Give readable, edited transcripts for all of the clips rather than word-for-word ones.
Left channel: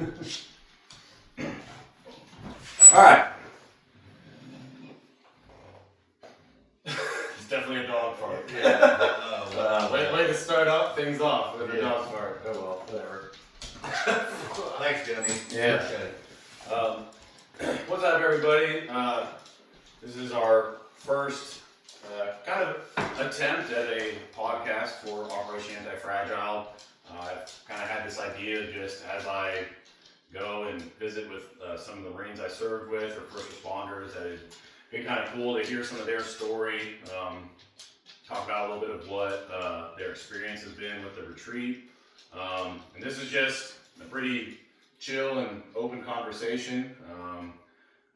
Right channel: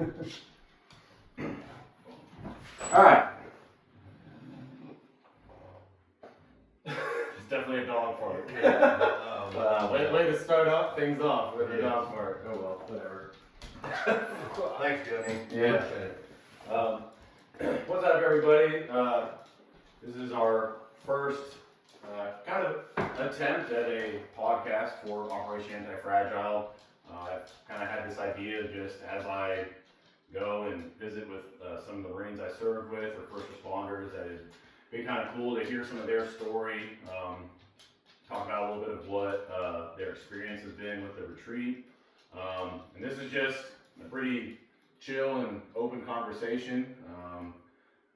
All right. It's definitely a dog fart. Yeah. Way to start up things off with a dog fart. Oh well, whatever. Thanks, Jimmy. Yeah. What's up, everybody? This is our first kind of attempt at a podcast for Operation Antifragile. I've kind of had this idea just as I go and visit with some of the Marines I served with or first responders, that it'd be kind of cool to hear some of their story, talk about a little bit of what their experience has been with the retreat. And this is just a pretty chill and open conversation.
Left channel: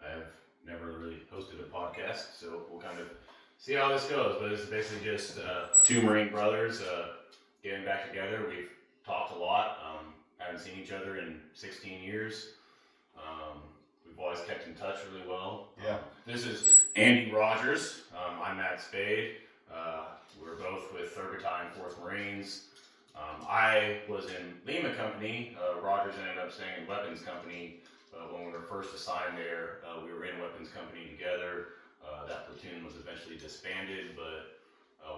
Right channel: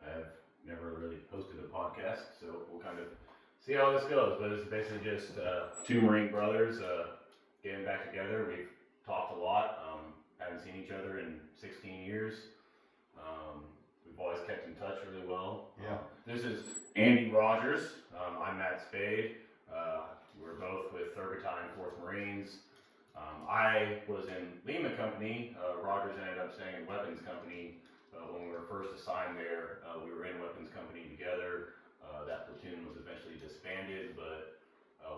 I've never really hosted a podcast, so we'll kind of see how this goes. But it's basically just two Marine brothers getting back together. We've talked a lot. Haven't seen each other in 16 years. We've always kept in touch really well. Yeah. This is Andy Rogers. I'm Matt Spade. We're both with 3rd Battalion, 4th Marines. I was in Lima Company. Rogers ended up staying in Weapons Company. When we were first assigned there, we were in Weapons Company together. That platoon was eventually disbanded, but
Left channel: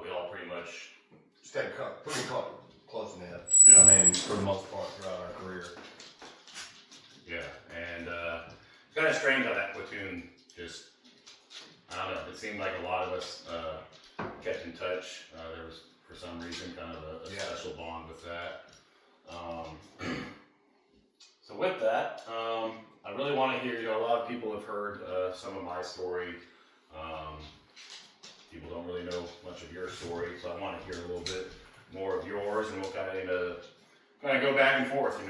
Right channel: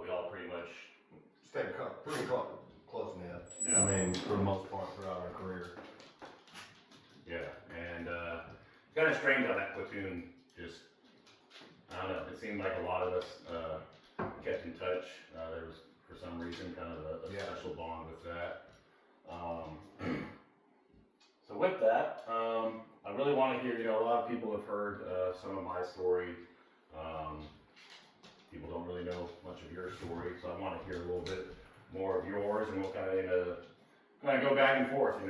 we all pretty much Stayed pretty close knit. Yeah. I mean, for the most part throughout our career. Yeah, and it's kind of strange how that platoon just, I don't know, it seemed like a lot of us kept in touch. There was, for some reason, kind of a special bond with that. So with that, I really want to hear, a lot of people have heard some of my story. People don't really know much of your story, so I want to hear a little bit more of yours, and we'll kind of go back and forth,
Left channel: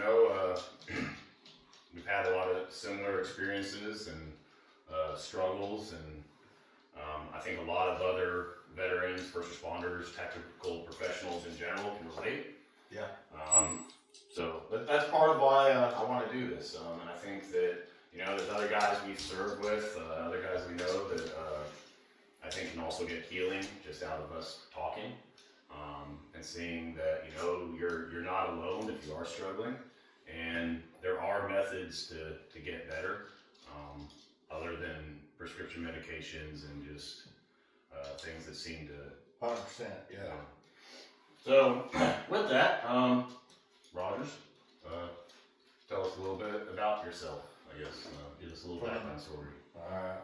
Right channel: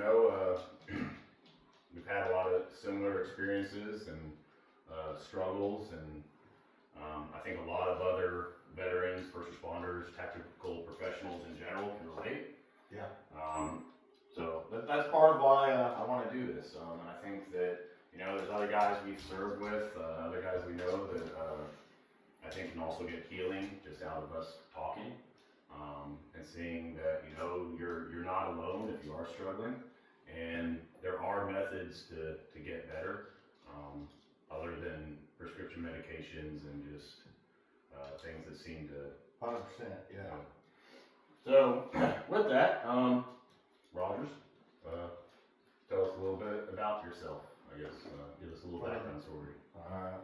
We've had a lot of similar experiences and struggles, and I think a lot of other veterans, first responders, tactical professionals in general can relate. Yeah. So that's part of why I want to do this, and I think that there's other guys we've served with, other guys we know that I think can also get healing just out of us talking, and seeing that you're not alone if you are struggling, and there are methods to get better, other than prescription medications and just things that seem to 100%, yeah. So with that, Rogers, tell us a little bit about yourself, I guess. Give us a little background story. Alright.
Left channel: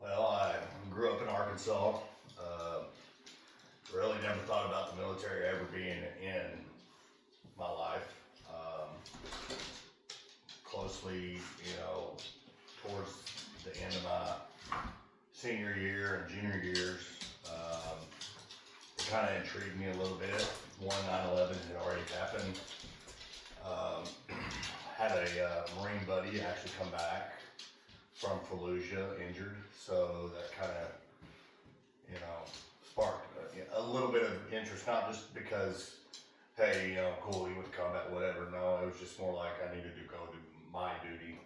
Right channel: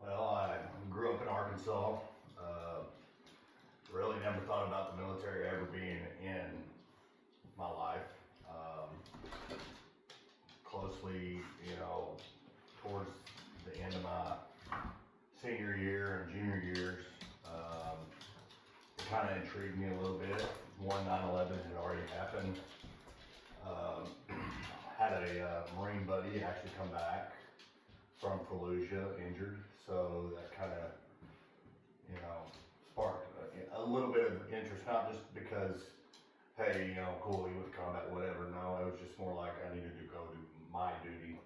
Well, I grew up in Arkansas. Really never thought about the military ever being in my life. Closely, towards the end of my senior year and junior years, it kind of intrigued me a little bit. 9/11 had already happened. Had a Marine buddy actually come back from Fallujah injured, so that kind of, sparked a little bit of interest, not just because, hey, cool, he went to combat, whatever. No, it was just more like I needed to go do my duty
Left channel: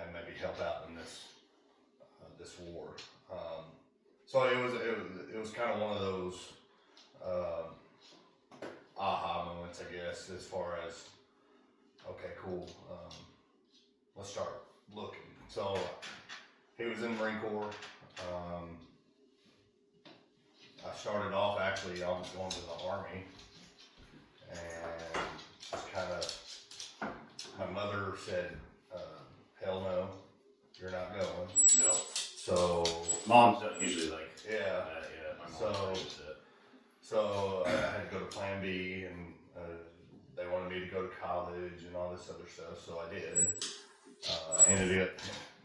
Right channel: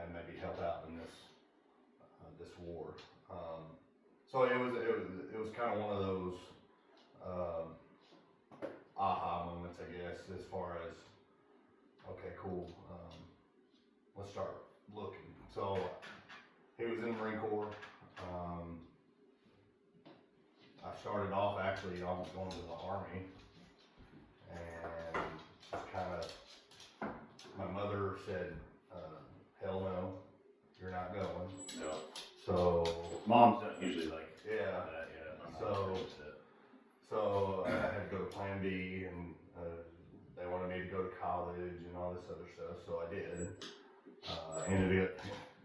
and maybe help out in this war. So it was kind of one of those aha moments, I guess, as far as, okay, cool, let's start looking. So he was in the Marine Corps. I started off actually, I was going to the Army, and just kind of, my mother said, hell no, you're not going. No. So Moms don't usually like yeah. that. Yeah, my mom likes it. So I had to go to Plan B, and they wanted me to go to college and all this other stuff, so I did. Ended up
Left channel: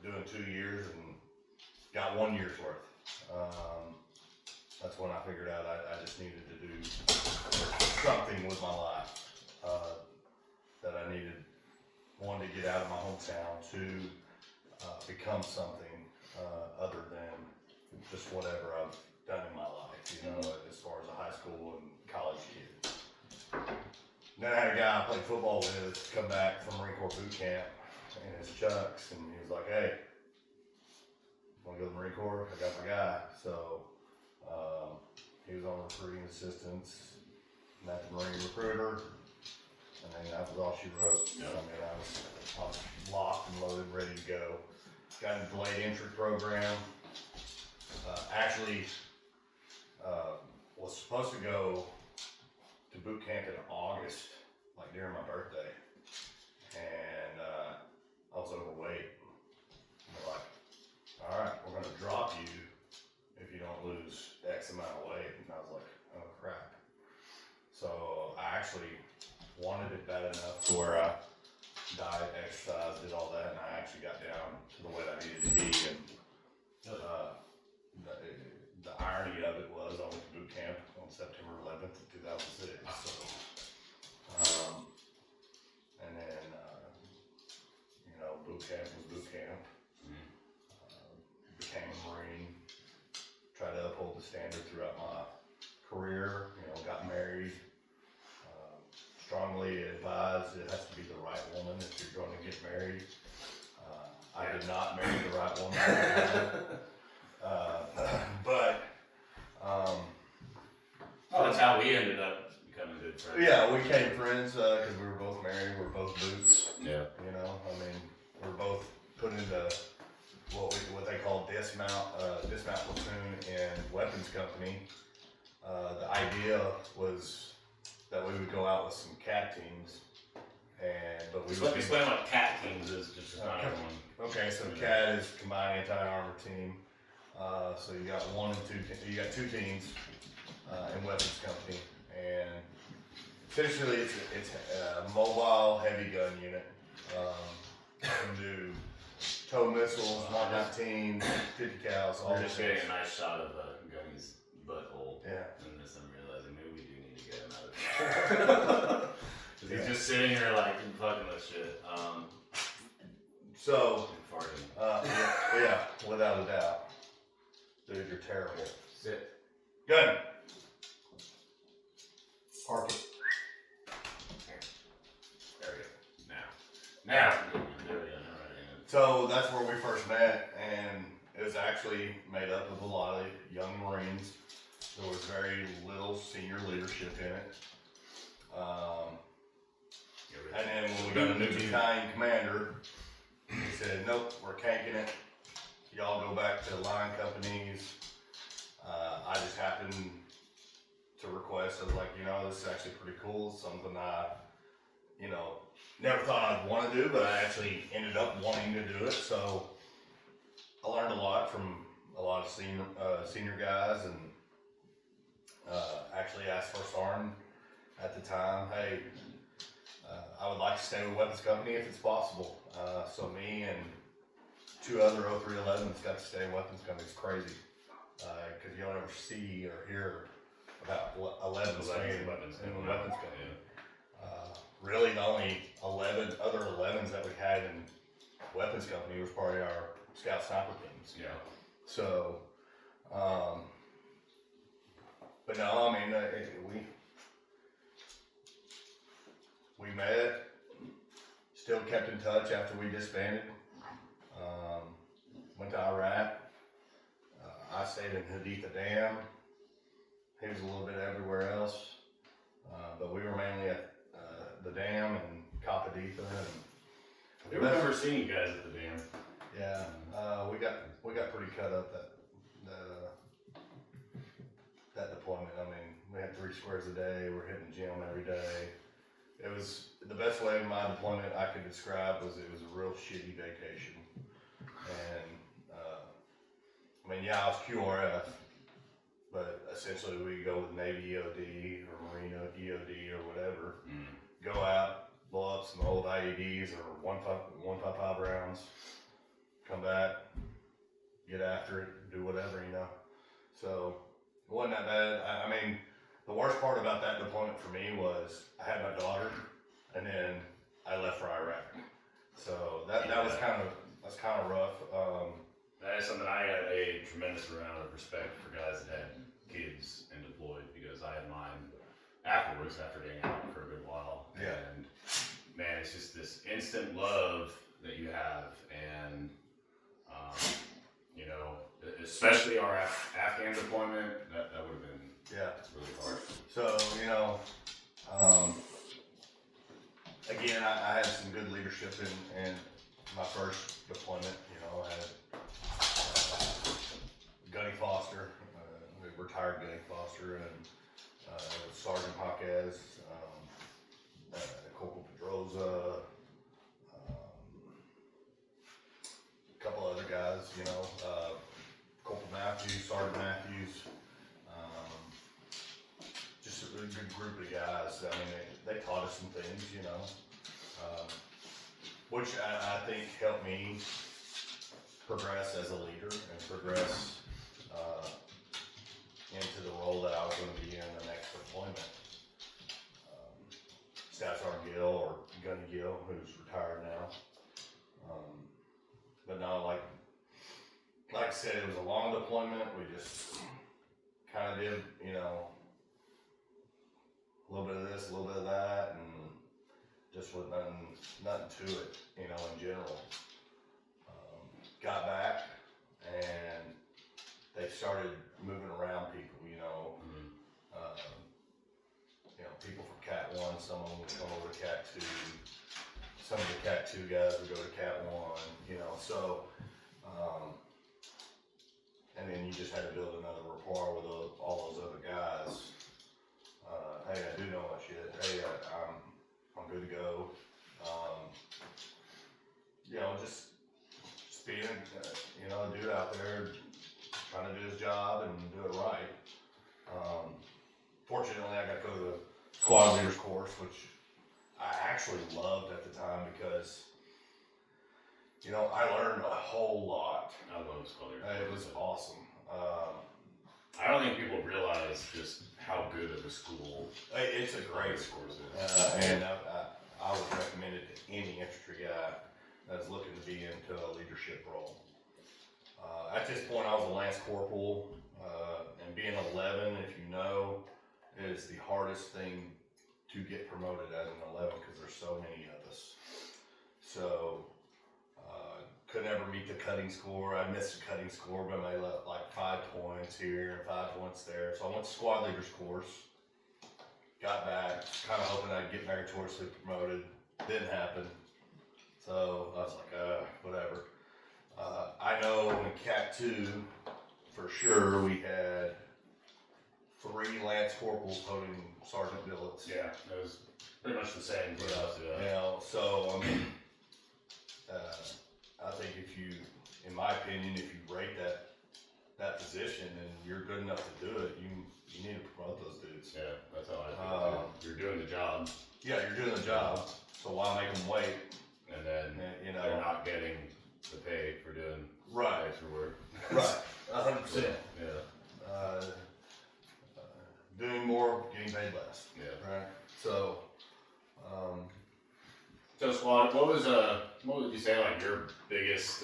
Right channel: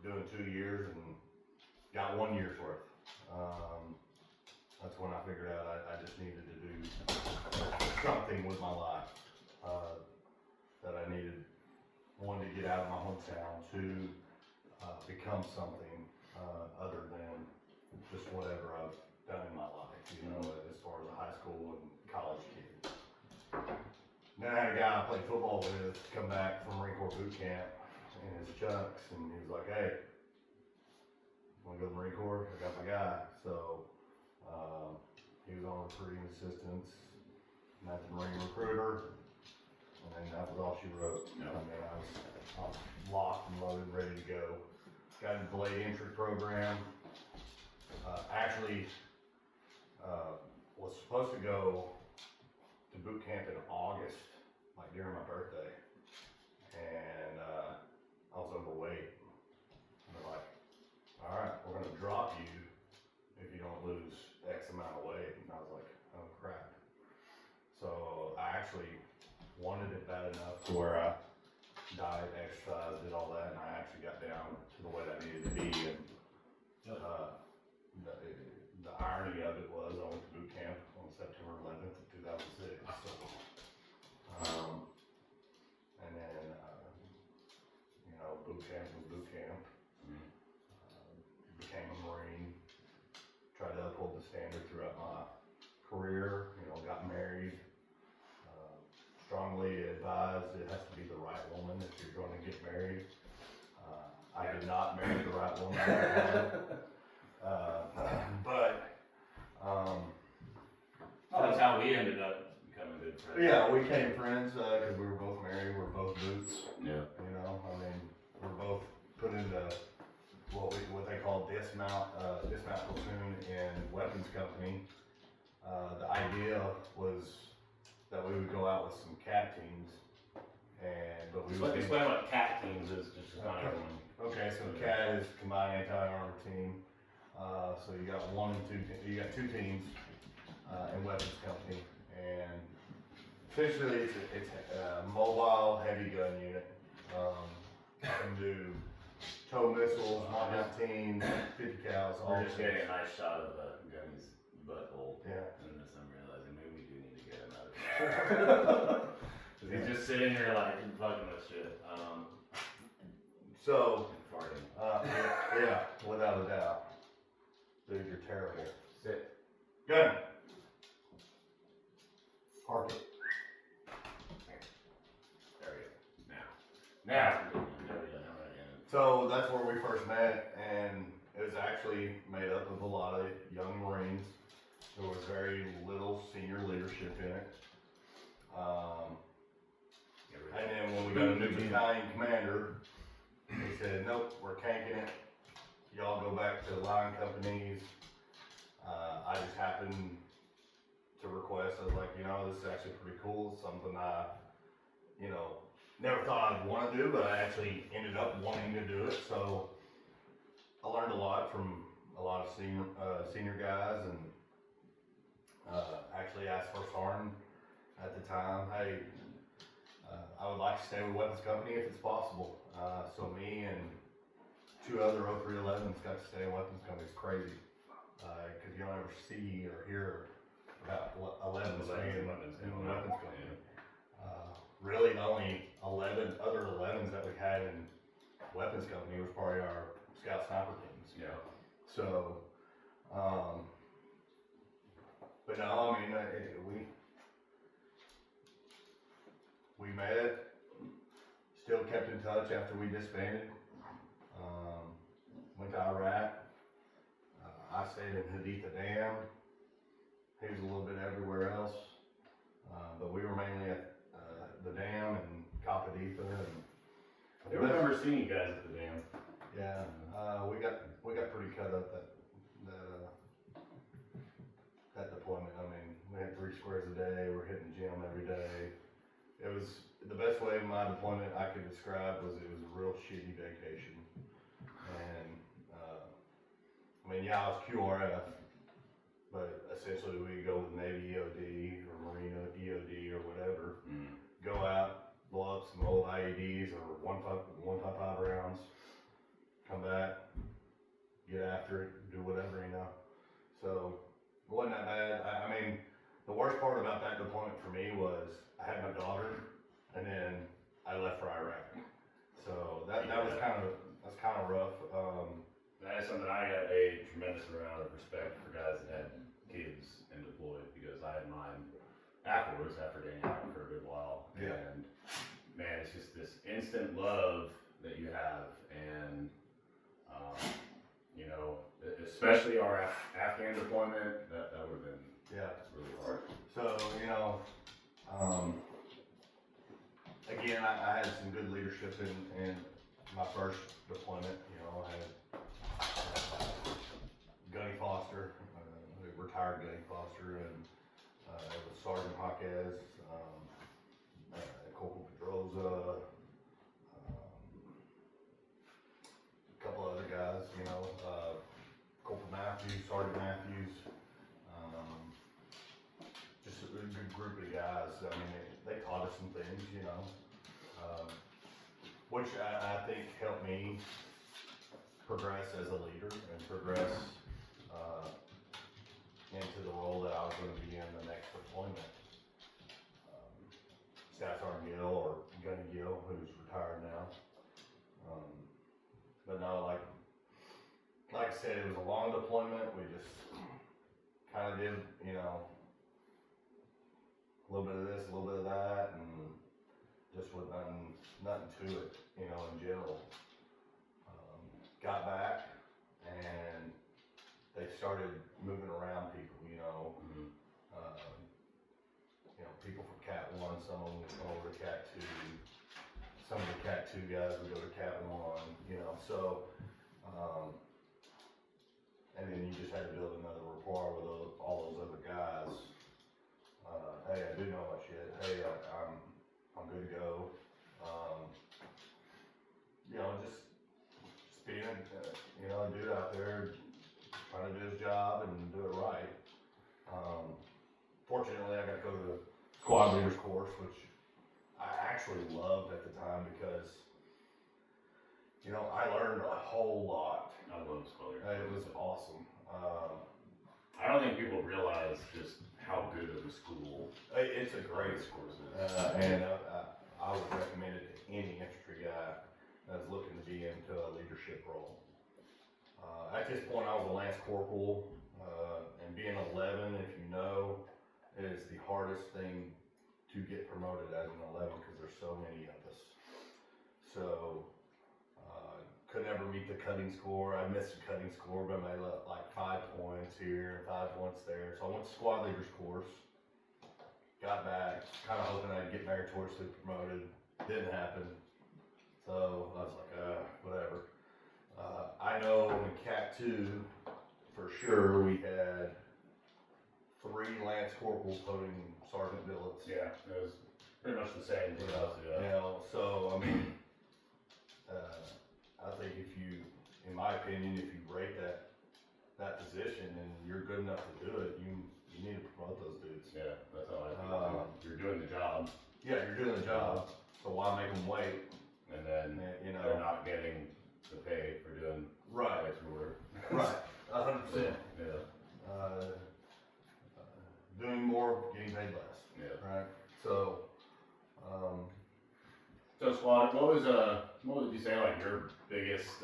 doing 2 years and got 1 year's worth. That's when I figured out I just needed to do something with my life. That I needed, one, to get out of my hometown, two, become something other than just whatever I've done in my life, as far as a high school and college kid. Then I had a guy I played football with come back from Marine Corps boot camp in his chucks, and he was like, hey, want to go to the Marine Corps? I got my guy. So he was on recruiting assistance, met the Marine recruiter, and and that was all she wrote. Yeah. I mean, I was locked and loaded, ready to go. Got a delayed entry program. Actually, was supposed to go to boot camp in August, like during my birthday, and I was overweight. And they're like, all right, we're gonna drop you if you don't lose X amount of weight. And I was like, oh crap. So I actually wanted it bad enough to where I diet, exercise, did all that, and I actually got down to the weight I needed to be. And the irony of it was I went to boot camp on September 11th of 2006. So, and then, boot camp was boot camp. Became a Marine. Tried to uphold the standard throughout my career. Got married. Strongly advised it has to be the right woman if you're going to get married. I did not marry the right woman. That's how we ended up becoming good friends. Yeah, we became friends because we were both married. We were both boots. Yeah. We were both put into what they call dismount platoon in weapons company. The idea was that we would go out with some cat teams, but we would explain what cat teams is just to everyone. Okay, so CAT is Combined Anti-Armor Team. So you got you got two teams in weapons company, and essentially it's a mobile heavy gun unit. Can do tow missiles, Mark 19, 50 cals. We're just getting a nice shot of Gunny's butthole. Yeah. And just I'm realizing maybe we do need to get him out of here. Because he's just sitting here like fucking with shit. So, farting. yeah, without a doubt. Dude, you're terrible. Sit. Gun. Park it. There we go. Now. There we go. So that's where we first met, and it was actually made up of a lot of young Marines. There was very little senior leadership in it. And then when we got a new battalion commander, he said, nope, we're canking it. Y'all go back to line companies. I just happened to request, I was like, this is actually pretty cool. It's something I, never thought I'd want to do, but I actually ended up wanting to do it. So I learned a lot from a lot of senior guys, and actually asked First Sergeant at the time, hey, I would like to stay with weapons company if it's possible. So me and two other 0311s got to stay in weapons company. It's crazy because you don't ever see or hear about 11s staying in weapons company. Really, the only 11 other 11s that we had in weapons company was probably our scout sniper teams. Yeah. So, but no, we met, still kept in touch after we disbanded. Went to Iraq. I stayed in Haditha Dam. He was a little bit everywhere else, but we were mainly at the dam and Kapaditha. I remember seeing you guys at the dam. Yeah, we got pretty cut up that deployment. We had 3 squares a day. We're hitting the gym every day. It was the best way of my deployment I could describe was it was a real shitty vacation. And I was QRF, but essentially we go with Navy EOD or Marine EOD or whatever. Go out, blow up some old IEDs or 155 rounds, come back, get after it, do whatever, So it wasn't that bad. The worst part about that deployment for me was I had my daughter, and then I left for Iraq. So that's kind of rough. That is something I got a tremendous amount of respect for guys that had kids and deployed, because I had mine afterwards, after being out for a good while. Yeah. And man, it's just this instant love that you have, and especially our Afghan deployment, that would have been really hard. So man, I had some good leadership in my first deployment. You know, I had Gunny Foster, retired Gunny Foster, and Sergeant Jaquez, Corporal Pedroza, a couple other guys, you know, Corporal Matthews, Sergeant Matthews, just a really good group of guys. I mean, they taught us some things, you know, which I think helped me progress as a leader and progress into the role that I was going to be in the next deployment. Staff Sergeant Gill, or Gunny Gill, who's retired now. But no, like I said, it was a long deployment. We just kind of did, you know, a little bit of this, a little bit of that, and just with nothing to it, you know, in general. Got back, and they started moving around people, you know. You know, people from Cat 1, some of them would come over to Cat 2. Some of the Cat 2 guys would go to Cat 1, you know, so, and then you just had to build another rapport with all those other guys. Hey, I do know my shit. Hey, I'm good to go. You know, just being, you know, a dude out there trying to do his job and do it right. Fortunately, I got to go to the squad leaders course, which I actually loved at the time because, you know, I learned a whole lot. I love the squad leaders. It was awesome. I don't think people realize just how good of a school It's a great course is. and I would recommend it to any infantry guy that's looking to be into a leadership role. At this point, I was a Lance Corporal, and being 11, if you know, is the hardest thing to get promoted as an 11 because there's so many of us. So, could never meet the cutting score. I missed the cutting score, but I left like 5 points here and 5 points there. So I went to squad leaders course, got back, kind of hoping I'd get meritoriously promoted. Didn't happen. So I was like, whatever. I know in Cat 2, for sure, we had 3 Lance Corporals holding sergeant billets. Yeah, it was pretty much the same for us. You know, so I mean, I think if you, in my opinion, if you rate that position and you're good enough to do it, you need to promote those dudes. Yeah, that's how I think. You're doing the job. Yeah, you're doing the job, so why make them wait? And then, you know, they're not getting the pay for doing right, extra work. right, 100%. Yeah. Doing more, getting paid less. Yeah. Right. So, So squad, what would you say like your biggest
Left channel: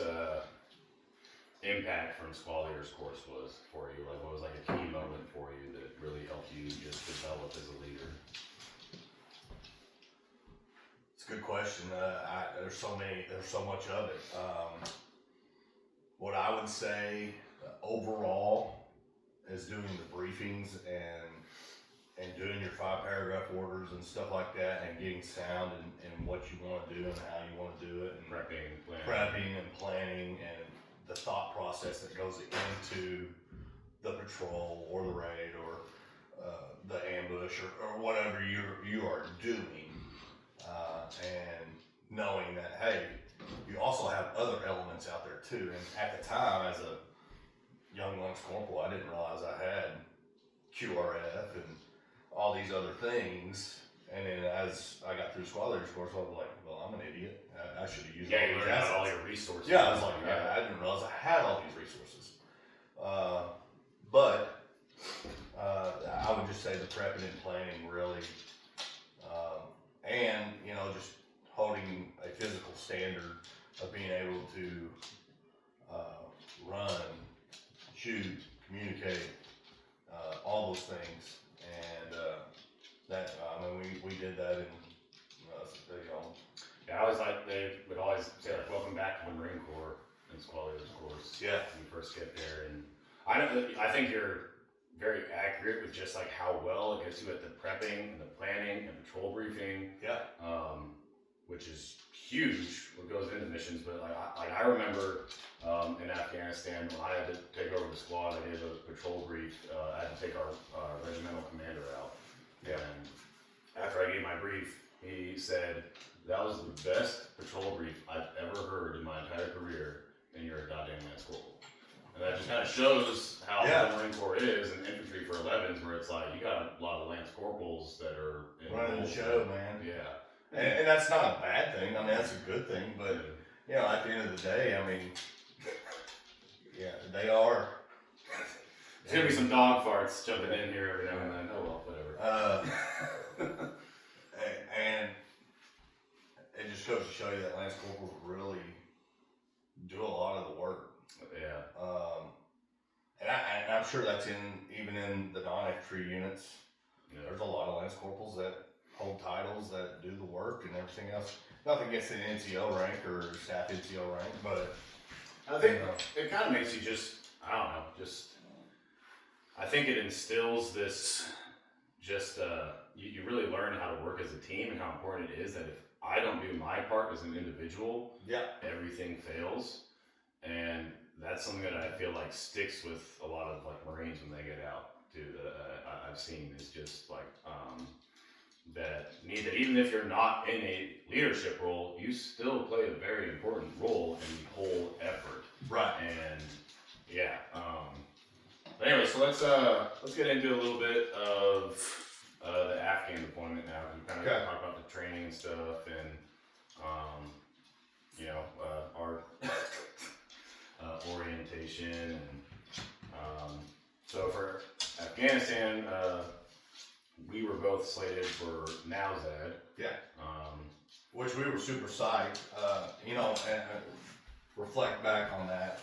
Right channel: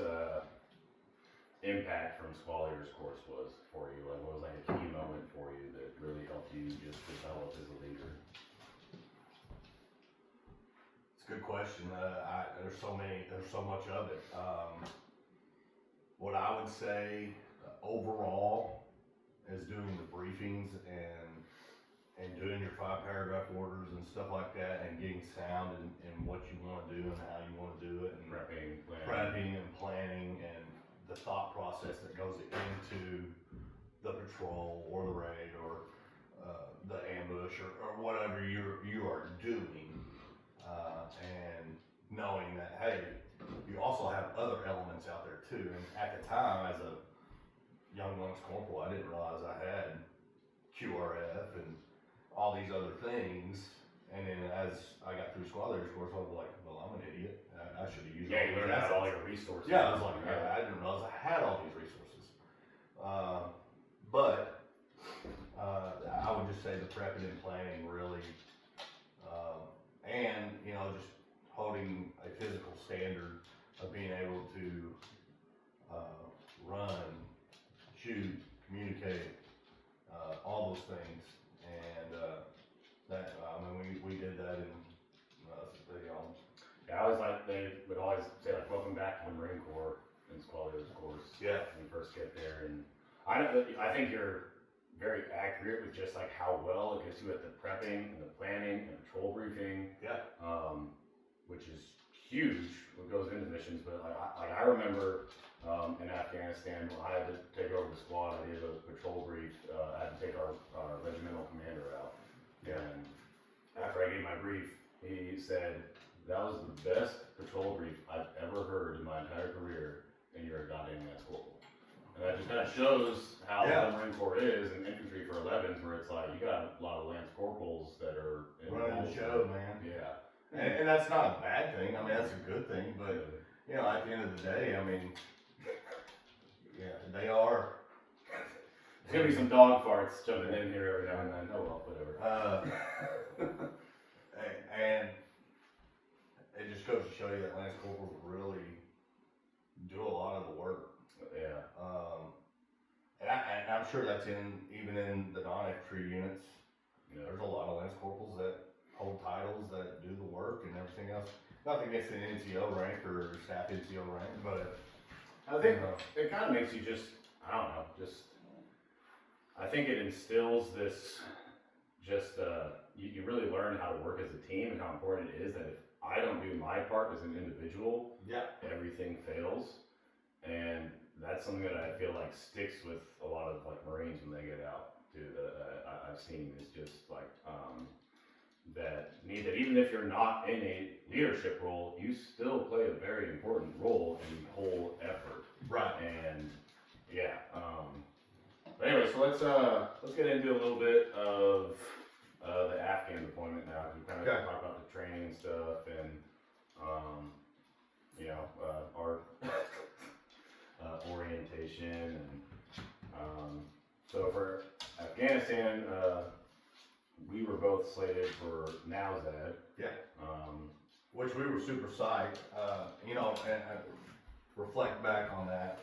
impact from squad leaders course was for you? Like what was like a key moment for you that really helped you just develop as a leader? it's a good question. There's so much of it. What I would say overall is doing the briefings and doing your 5-paragraph orders and stuff like that, and getting sound in what you want to do and how you want to do it, and prepping and planning and the thought process that goes into the patrol or the raid or the ambush or whatever you are doing, and knowing that, hey, you also have other elements out there too. And at the time, as a young Lance Corporal, I didn't realize I had QRF and all these other things. And then as I got through squad leaders course, I was like, well, I'm an idiot. I should have used all you these learned assets. about all your resources. Yeah, I was like, I didn't realize I had all these resources. But I would just say the prepping and planning really, and you know, just holding a physical standard of being able to run, shoot, communicate, all those things, and that I mean we did that in you know. Yeah, I was like, they would always say like, welcome back to the Marine Corps in squad leaders course. Yeah. When you first get there, and I think you're very accurate with just like how well it gets you at the prepping and the planning and patrol briefing. Yeah. which is huge, what goes into missions. But I remember in Afghanistan when I had to take over the squad, I did a patrol brief. I had to take our regimental commander out, and after I gave my brief, he said, "That was the best patrol brief I've ever heard in my entire career, and you're a goddamn Lance Corporal." And that just kind of shows how the Marine Corps is, and infantry for 11s, where it's like you got a lot of Lance Corporals that are running the show, man. Yeah. And that's not a bad thing. I mean, that's a good thing. But, you know, at the end of the day, I mean, yeah, they are. There's going to be some dog farts jumping in here every now and then. Oh, well, whatever. And it just goes to show you that Lance Corporals really do a lot of the work. Yeah. And I'm sure that's even in the non-infantry units. Yeah. There's a lot of Lance Corporals that hold titles, that do the work and everything else. Nothing against an NCO rank or staff NCO rank, but I think it kind of makes you just, I don't know, I think it instills this, you really learn how to work as a team and how important it is that if I don't do my part as an individual, everything fails. And that's something that I feel like sticks with a lot of like Marines when they get out too, that I've seen is just like, that even if you're not in a leadership role, you still play a very important role in the whole effort. Right. And yeah. But anyway, so let's get into a little bit of the Afghan deployment now. We kind of talk about the training and stuff, and you know, our orientation, and so for Afghanistan, we were both slated for NAUZAD. Yeah. Which we were super psyched. You know, and reflect back on that.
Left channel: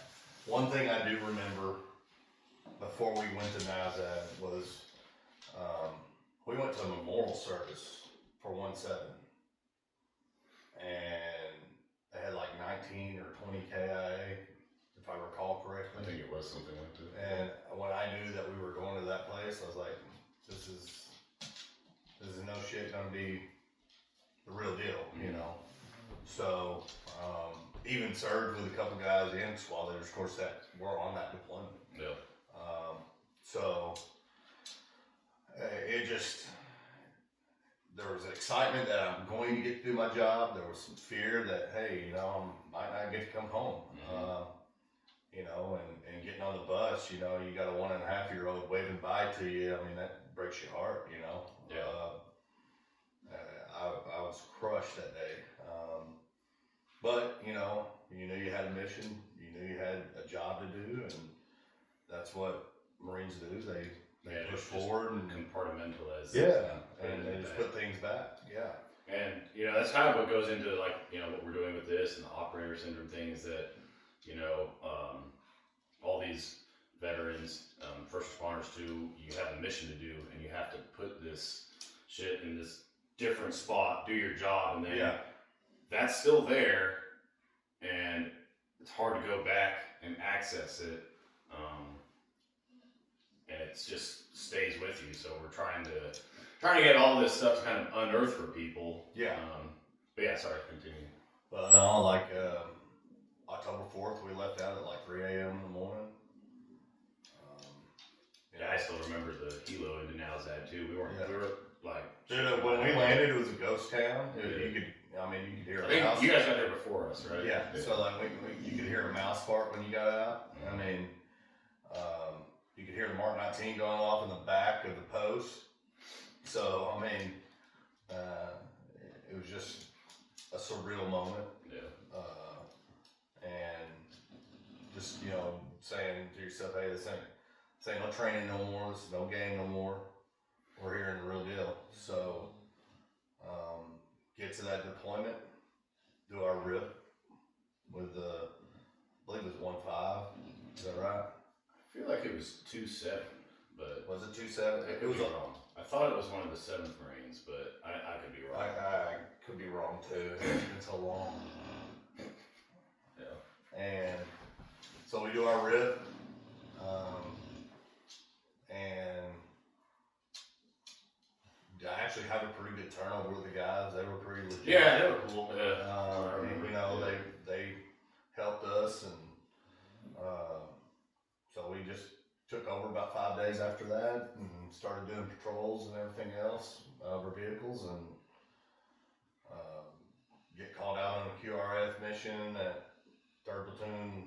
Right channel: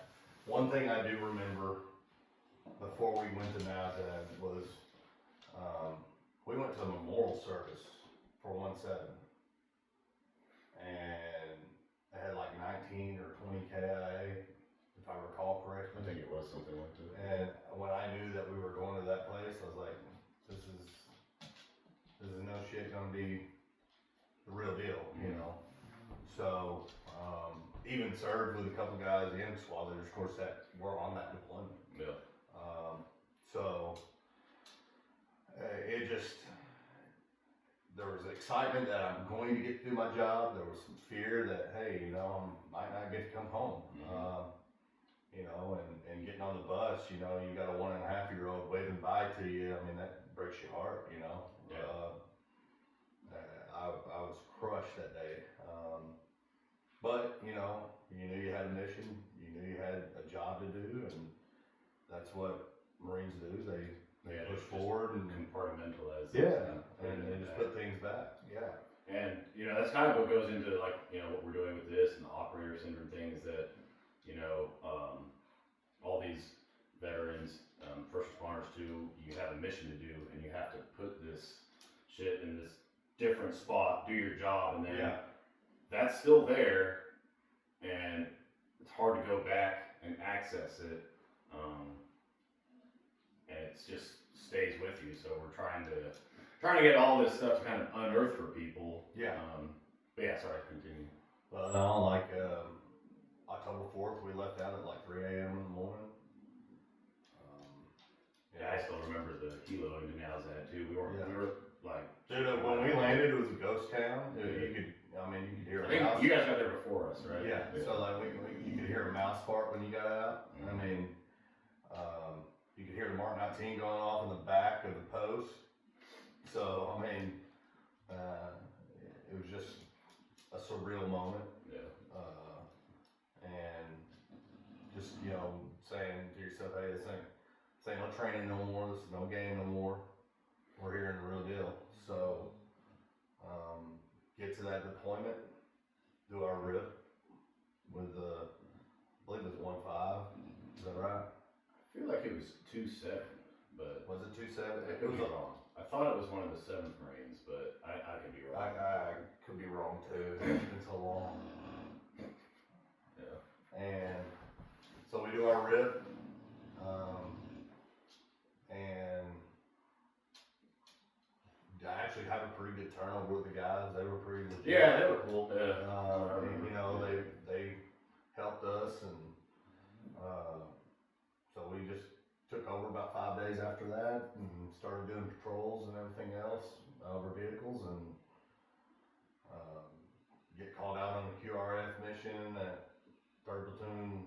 One thing I do remember before we went to NAUZAD was we went to a memorial service for 1-7, and they had like 19 or 20 KIA, if I recall correctly. I think it was something like that. And when I knew that we were going to that place, I was like, this is no shit gonna be the real deal, you know. So even served with a couple guys in squad leaders, of course, that were on that deployment. Yeah. So it just, there was excitement that I'm going to get to do my job. There was some fear that, hey, you know, I might not get to come home. You know, and getting on the bus, you know, you got a 1.5-year-old waving bye to you. I mean, that breaks your heart, you know. Yeah. I was crushed that day. But, you know, you knew you had a mission, you knew you had a job to do, and that's what Marines do. They push forward and compartmentalize. and they just put things back. Yeah. And, you know, that's kind of what goes into, like, you know, what we're doing with this and the operator syndrome thing is that, you know, all these veterans, first responders too, you have a mission to do, and you have to put this shit in this different spot, do your job, and then that's still there, and it's hard to go back and access it, and it just stays with you. So we're trying to get all this stuff to kind of unearth for people. Yeah. But yeah, sorry, continue. No, like October 4th, we left out at like 3 a.m. in the morning. Yeah, I still remember the helo into NAUZAD too. We were like, dude, when we landed, it was a ghost town. You could hear a mouse. You guys got there before us, right? Yeah. So like you could hear a mouse fart when you got out. I mean, you could hear the Mark 19 going off in the back of the post. So I mean, it was just a surreal moment. Yeah. And just, you know, saying to yourself, hey, this ain't no training no more, this is no game no more. We're here in the real deal. So get to that deployment, do our RIP with I believe it was 1-5. Is that right? I feel like it was 2-7, but was it 2-7? I could be wrong. I thought it was one of the 7th Marines, but I could be wrong. I could be wrong too. It's been so long. Yeah. And so we do our RIP, and I actually have a pretty good good turnover with the guys. They were pretty legit. Yeah, they were cool. And, you know, they helped us, and so we just took over about 5 days after that and started doing patrols and everything else over vehicles, and get called out on a QRF mission at 3rd Platoon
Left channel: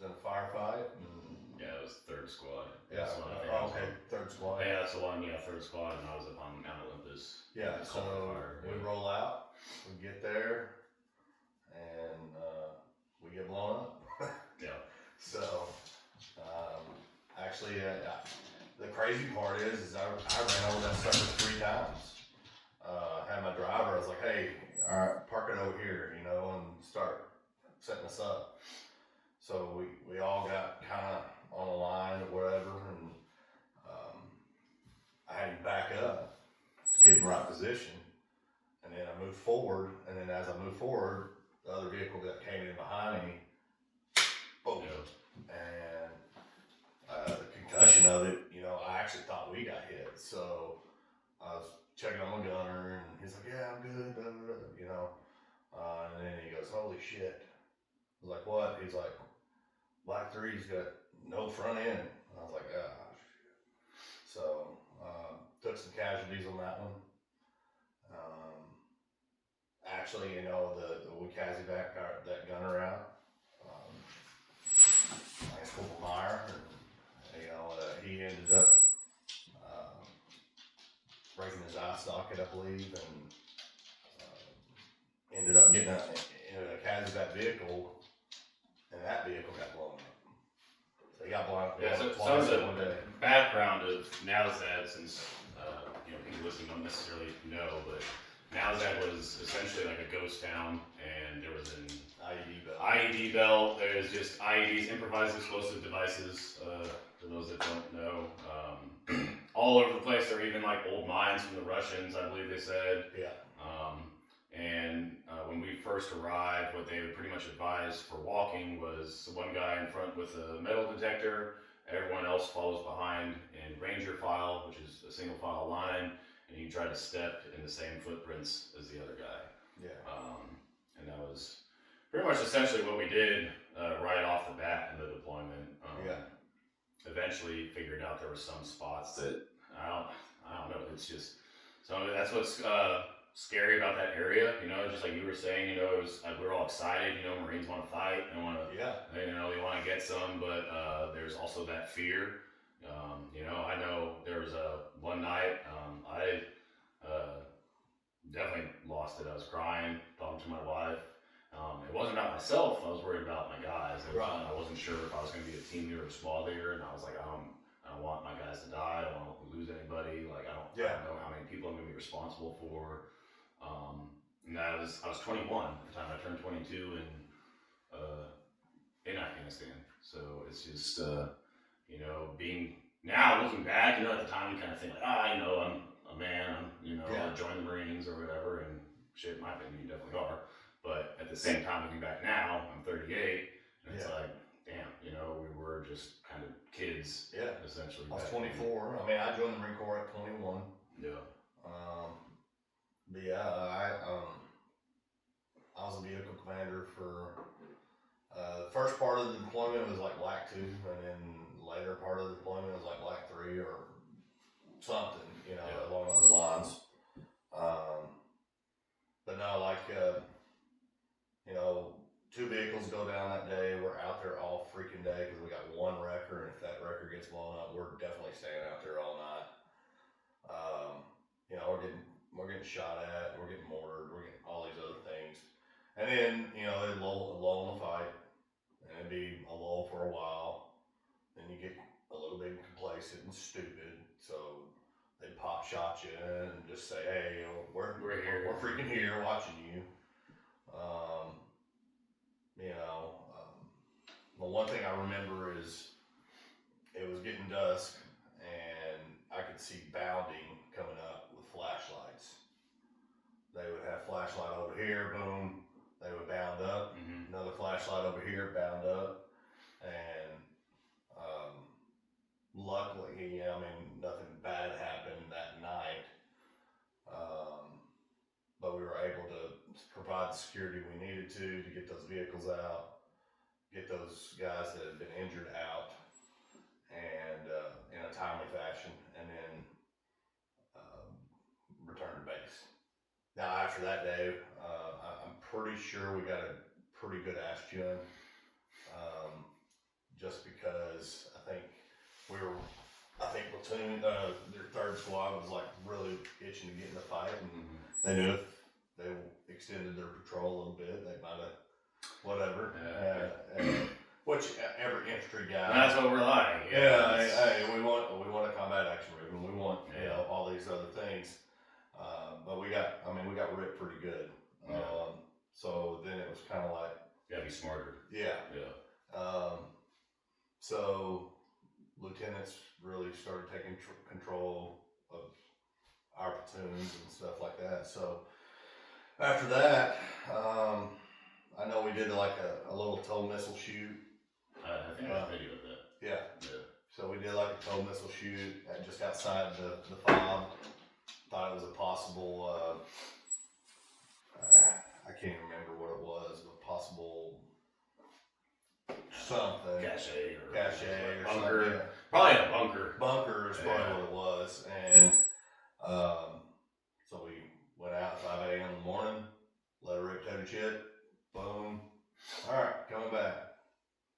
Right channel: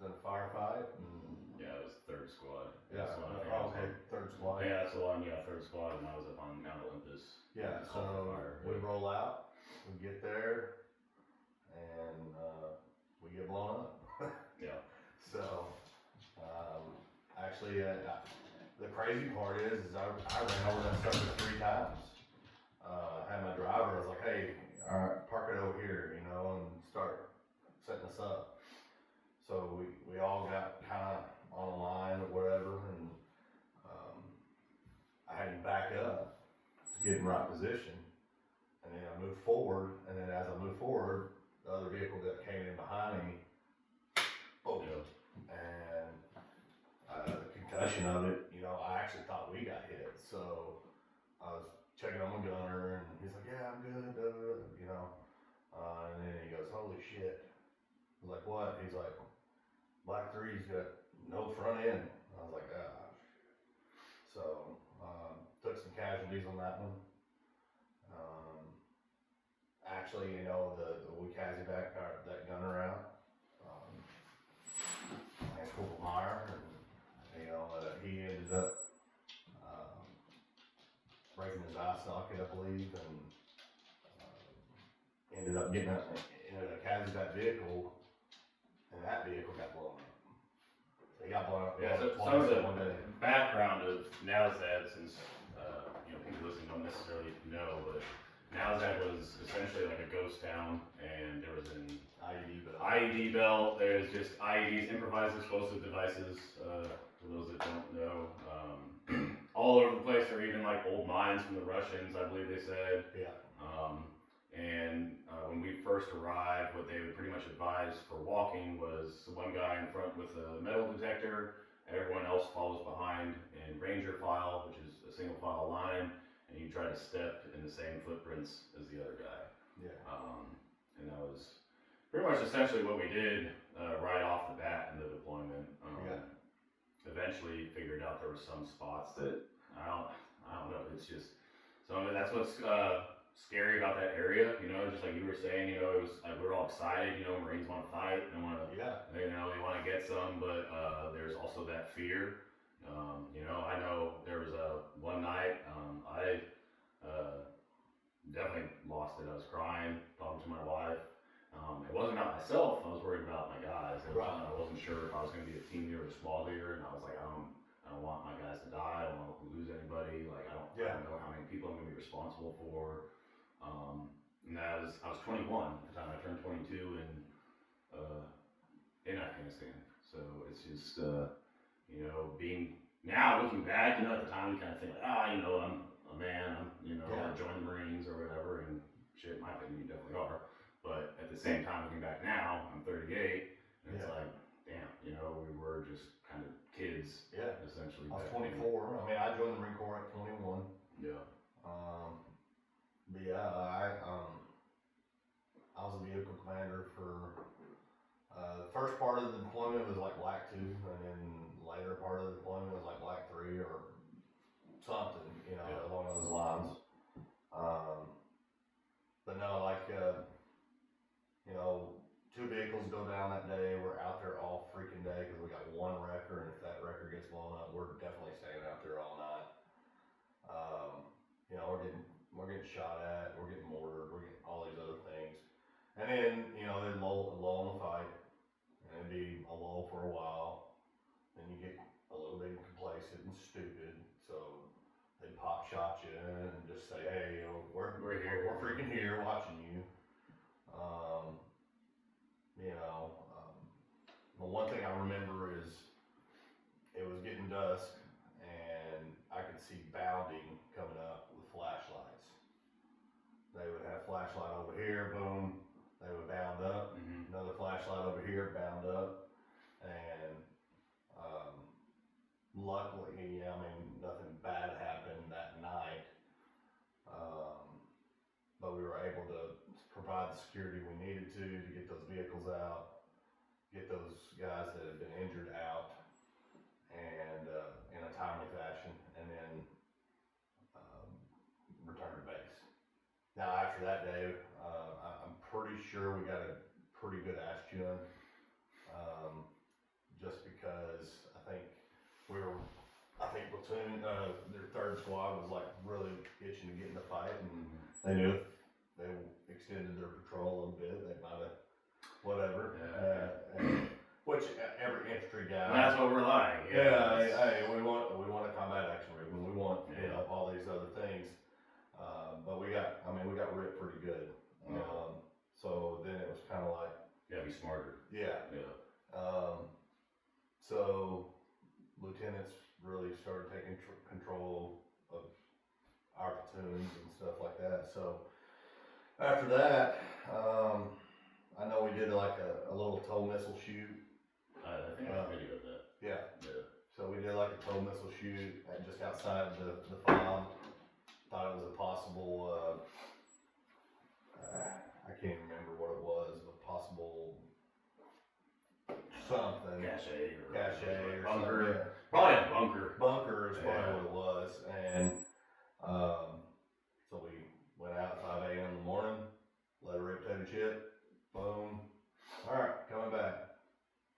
in a firefight. And Yeah, it was 3rd Squad. yeah, That's the one I think I was okay, on. 3rd Squad. Yeah, that's the one. Yeah, 3rd Squad, and I was up on Mount Olympus. Yeah, so we roll out, we get there, and we get blown up. Yeah. So, actually, the crazy part is I ran over that sucker 3 times. Had my driver, I was like, hey, all right, park it over here, you know, and start setting us up. So we all got kind of on a line or whatever, and I had him back up to get in the right position, and then I moved forward, and then as I moved forward, the other vehicle that came in behind me, boom, and the concussion of it, you know, I actually thought we got hit, so I was checking on my gunner, and he's like, yeah, I'm good, you know, and then he goes, holy shit. I was like, what? He's like, Black 3's got no front end. I was like, ah, shit. So, took some casualties on that one. Actually, you know, we Kazi back that gunner out. Lance Corporal Meyer, and, you know, he ended up breaking his eye socket, I believe, and ended up getting into a Kazi vehicle, and that vehicle got blown up. So he got blown up Yeah, so twice some in of one the day. background of NALZAD, since you know, people listening don't necessarily know, but NALZAD was essentially like a ghost town, and there was an IED belt. There's just IEDs, improvised explosive devices, for those that don't know, all over the place. There were even like old mines from the Russians, I believe they said. Yeah. When we first arrived, what they would pretty much advise for walking was one guy in front with a metal detector, everyone else follows behind in ranger file, which is a single file line, and you try to step in the same footprints as the other guy. Yeah. And that was pretty much essentially what we did right off the bat in the deployment. Eventually figured out there were some spots that I don't know. It's just that's what's scary about that area. You know, just like you were saying. You know, it was like we were all excited. You know, Marines want to fight. They want to. Yeah. You know, they want to get some, but there's also that fear. You know, I know there was one night I definitely lost it. I was crying, talking to my wife. It wasn't about myself. I was worried about my guys. I wasn't sure if I was going to be a team leader or a squad leader, and I was like, I don't want my guys to die. I don't want to lose anybody. Like, I don't know how many people I'm going to be responsible for. And I was 21 at the time. I turned 22 in Afghanistan. So it's just you know, now looking back, you know, at the time you kind of think like, you know, I'm a man. I'll join the Marines or whatever, and shit, in my opinion, you definitely are. But at the same time, looking back now, I'm 38, and it's like, damn, you know, we were just kind of kids, essentially. I was 24. I mean, I joined the Marine Corps at 21. Yeah. But yeah, I was a vehicle commander for the first part of the deployment was like Black 2, and then later part of the deployment was like Black 3 or something, you know, along those lines. But no, like, you know, 2 vehicles go down that day. We're out there all freaking day because we got 1 wrecker, and if that wrecker gets blown up, we're definitely staying out there all night. You know, we're getting shot at, we're getting mortared, we're getting all these other things. And then, you know, they'd lull in the fight, and it'd be a lull for a while. Then you get a little bit complacent and stupid, so they'd pop shot you and just say, hey, you know, we're here. We're freaking here watching you. You know, the one thing I remember is it was getting dusk, and I could see bounding coming up with flashlights. They would have flashlight over here, boom, they would bound up. Another flashlight over here, bound up. And luckily, I mean, nothing bad happened that night. provide the security we needed to get those vehicles out, get those guys that have been injured out, and in a timely fashion, and then return to base. Now after that day, I'm pretty sure we got a pretty good ass chewing, just because I think platoon, their third squad was like really itching to get in the fight, and they knew if they extended their patrol a little bit, they might have whatever. Which every infantry guy. And that's what we're like. Yeah, hey, we want a combat action ribbon. We want all these other things. But we got ripped pretty good. So then it was kind of like, gotta be smarter. Yeah. So lieutenants really started taking control of our platoons and stuff like that. So after that, I know we did like a little tow missile shoot. I think I video of that. Yeah. So we did like a tow missile shoot just outside the FOB. Thought it was a possible, I can't even remember what it was, but possible something. Cache or bunker. something. Probably a bunker. Bunker is probably what it was. And so we went out at 5 a.m. in the morning, let her rip toted shit, boom. All right, coming back.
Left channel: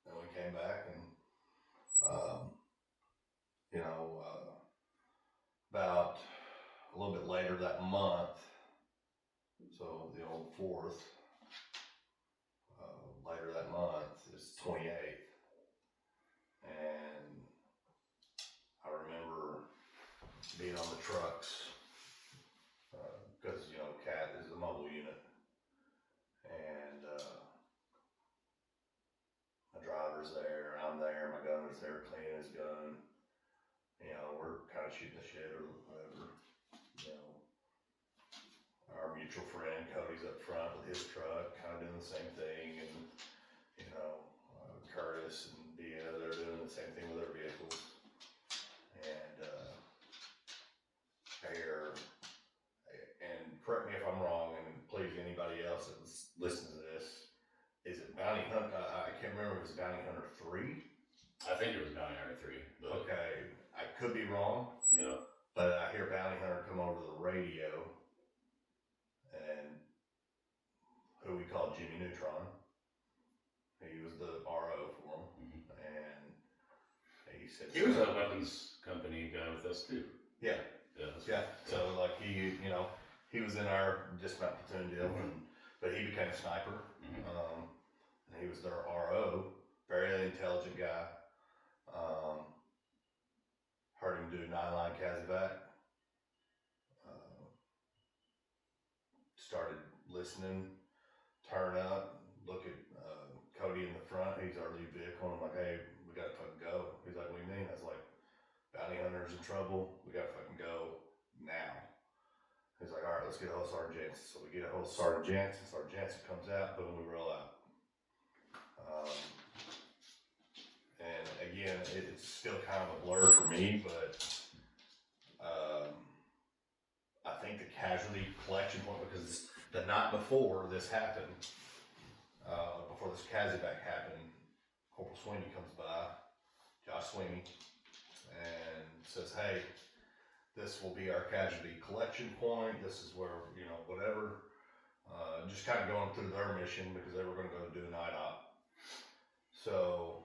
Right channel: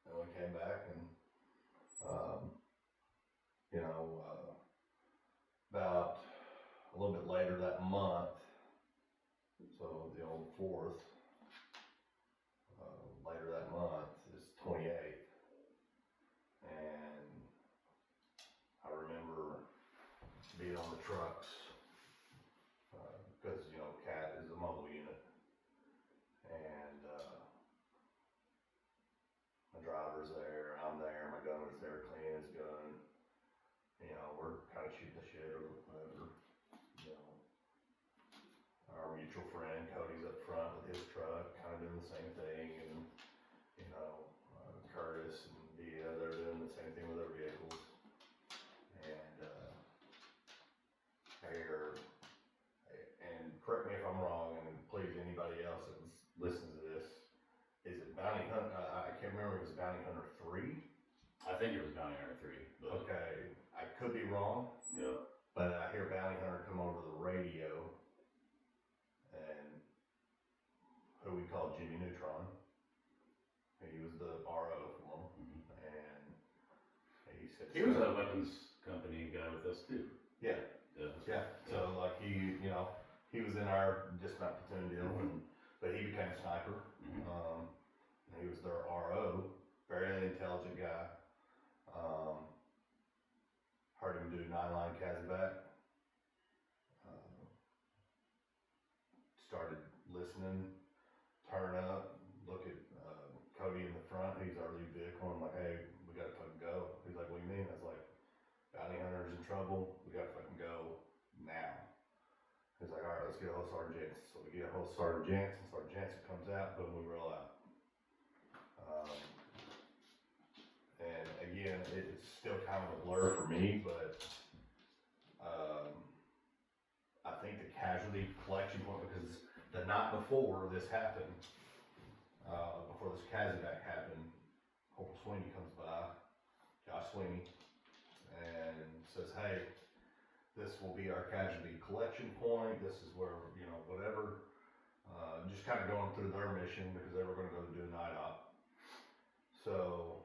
And we came back and, about a little bit later that month, so the old 4th, later that month is 28th, and I remember being on the trucks, because, CAT is a mobile unit, and my driver's there, I'm there, my gunner's there cleaning his gun, we're kind of shooting the shit or whatever. Our mutual friend Cody's up front with his truck, kind of doing the same thing, and Curtis and Dia, they're doing the same thing with their vehicles. And and correct me if I'm wrong, and please anybody else that listens to this, is it Bounty Hunter? I can't remember if it was Bounty Hunter 3. I think it was Bounty Hunter 3. But okay, I could be wrong. Yeah. But I hear Bounty Hunter come over the radio, and who we called Jimmy Neutron. He was the RO for him, and he said he was a weapons company guy with us too. Yeah. So like he was in our dismount platoon deal, but he became a sniper. And he was their RO, very intelligent guy. Heard him do 9-line Kazivac. Started listening, turn up, look at Cody in the front. He's our lead vehicle. And I'm like, hey, we gotta fucking go. He's like, what do you mean? I was like, Bounty Hunter's in trouble. We gotta fucking go now. He's like, all right, let's get a hold of Sergeant Jansen. So we get a hold of Sergeant Jansen. Sergeant Jansen comes out, boom, we roll out. And again, it's still kind of a blur for me, but I think the casualty collection point, because the night before this happened, before this Kazivac happened, Corporal Sweeney comes by, Josh Sweeney, and says, hey, this will be our casualty collection point. This is where, whatever. Just kind of going through their mission because they were going to go do a night op. So,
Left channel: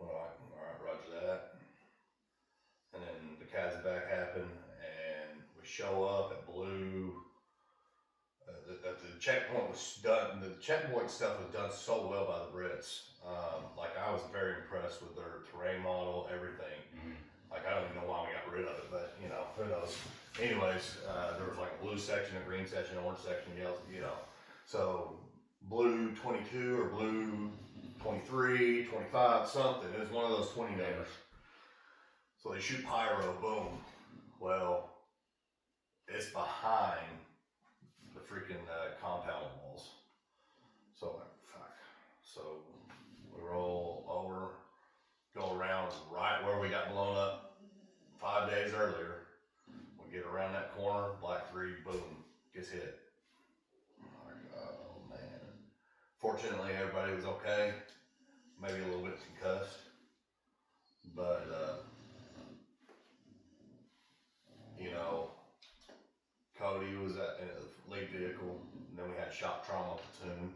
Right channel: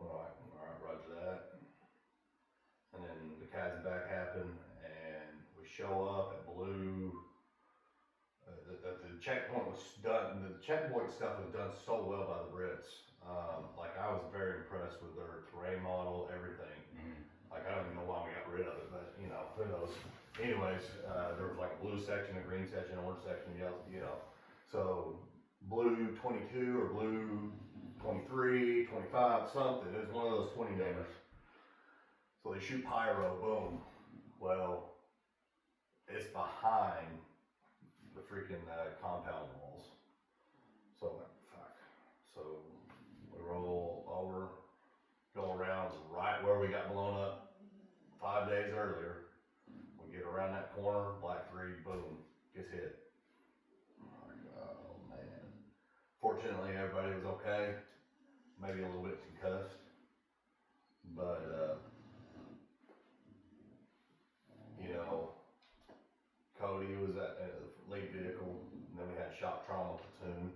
all right, roger that. And then the Kazivac happened, and we show up at Blue. The checkpoint was done. The checkpoint stuff was done so well by the Brits. I was very impressed with their terrain model, everything. Like, I don't even know why we got rid of it, but, who knows. Anyways, there was like a blue section, a green section, orange section, yellow, So, blue 22 or blue 23, 25, something. It was one of those 20 numbers. So they shoot pyro, boom. Well, it's behind the freaking compound walls. So I'm like, fuck. So we roll over, go around right where we got blown up 5 days earlier. We get around that corner, Black 3, boom, gets hit. everybody was okay, maybe a little bit concussed, but, you know, Cody was in the lead vehicle, and then we had shock trauma platoon.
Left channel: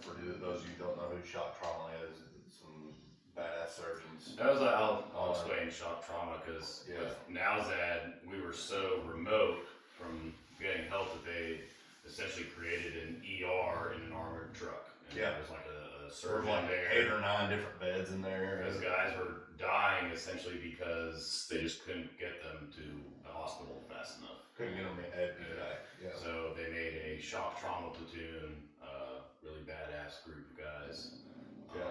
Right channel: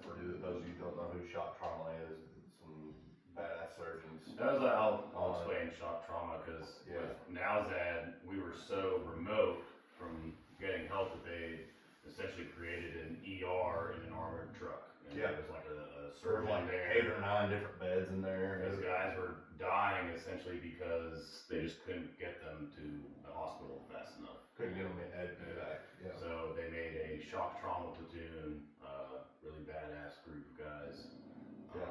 For those of you who don't know who shock trauma is, some badass surgeons. That was I'll explain shock trauma because with NowZad, we were so remote from getting help that they essentially created an ER in an armored truck. And Yeah. There was like a There surgeon were like there. 8 or 9 different beds in there. Those guys were dying essentially because they just couldn't get them to the hospital fast enough. Couldn't get them back. Yeah. So they made a shock trauma platoon, really badass group of guys. Yeah.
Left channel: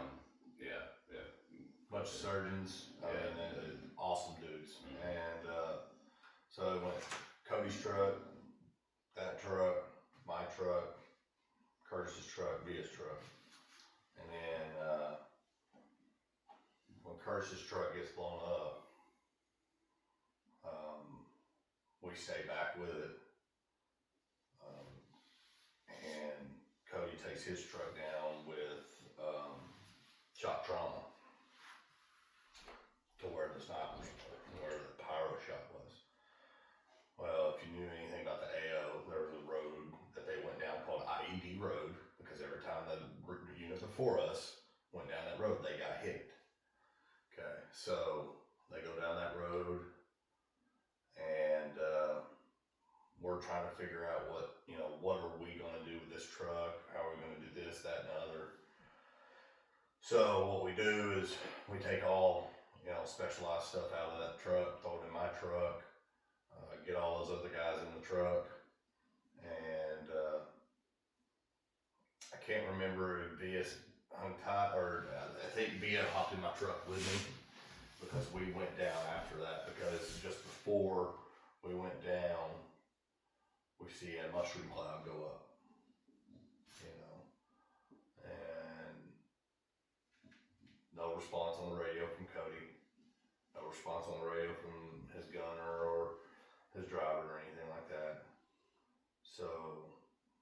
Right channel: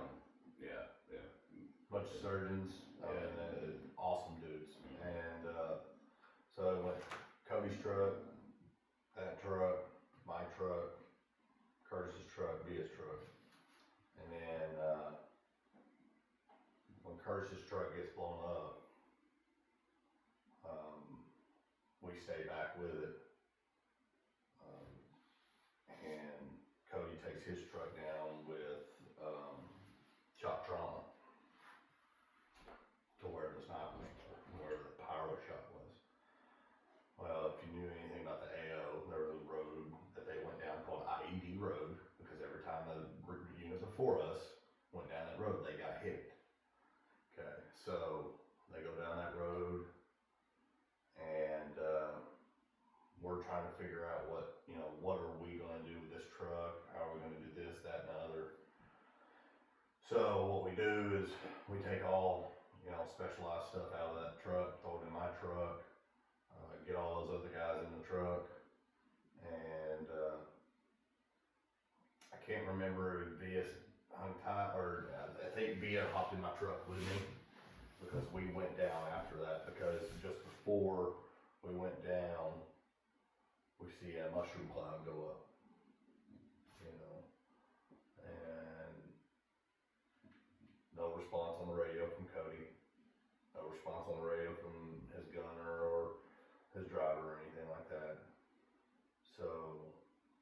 Bunch of surgeons, awesome dudes. And so it went Cody's truck, that truck, my truck, Curtis's truck, Via's truck. And then when Curtis's truck gets blown up, we stay back with it. And Cody takes his truck down with shock trauma to where the snipers were, where the pyro shot was. Well, if you knew anything about the AO, there was a road that they went down called IED Road, because every time the unit before us went down that road, they got hit. Okay, so they go down that road, and we're trying to figure out what are we going to do with this truck? How are we going to do this, that, and the other? So what we do is we take all specialized stuff out of that truck, throw it in my truck, get all those other guys in the truck, and I can't remember if Via hung tight, or I think Via hopped in my truck with me, because we went down after that, because just before we went down, we see a mushroom cloud go up, and no response on the radio from Cody, no response on the radio from his gunner or his driver or anything like that. So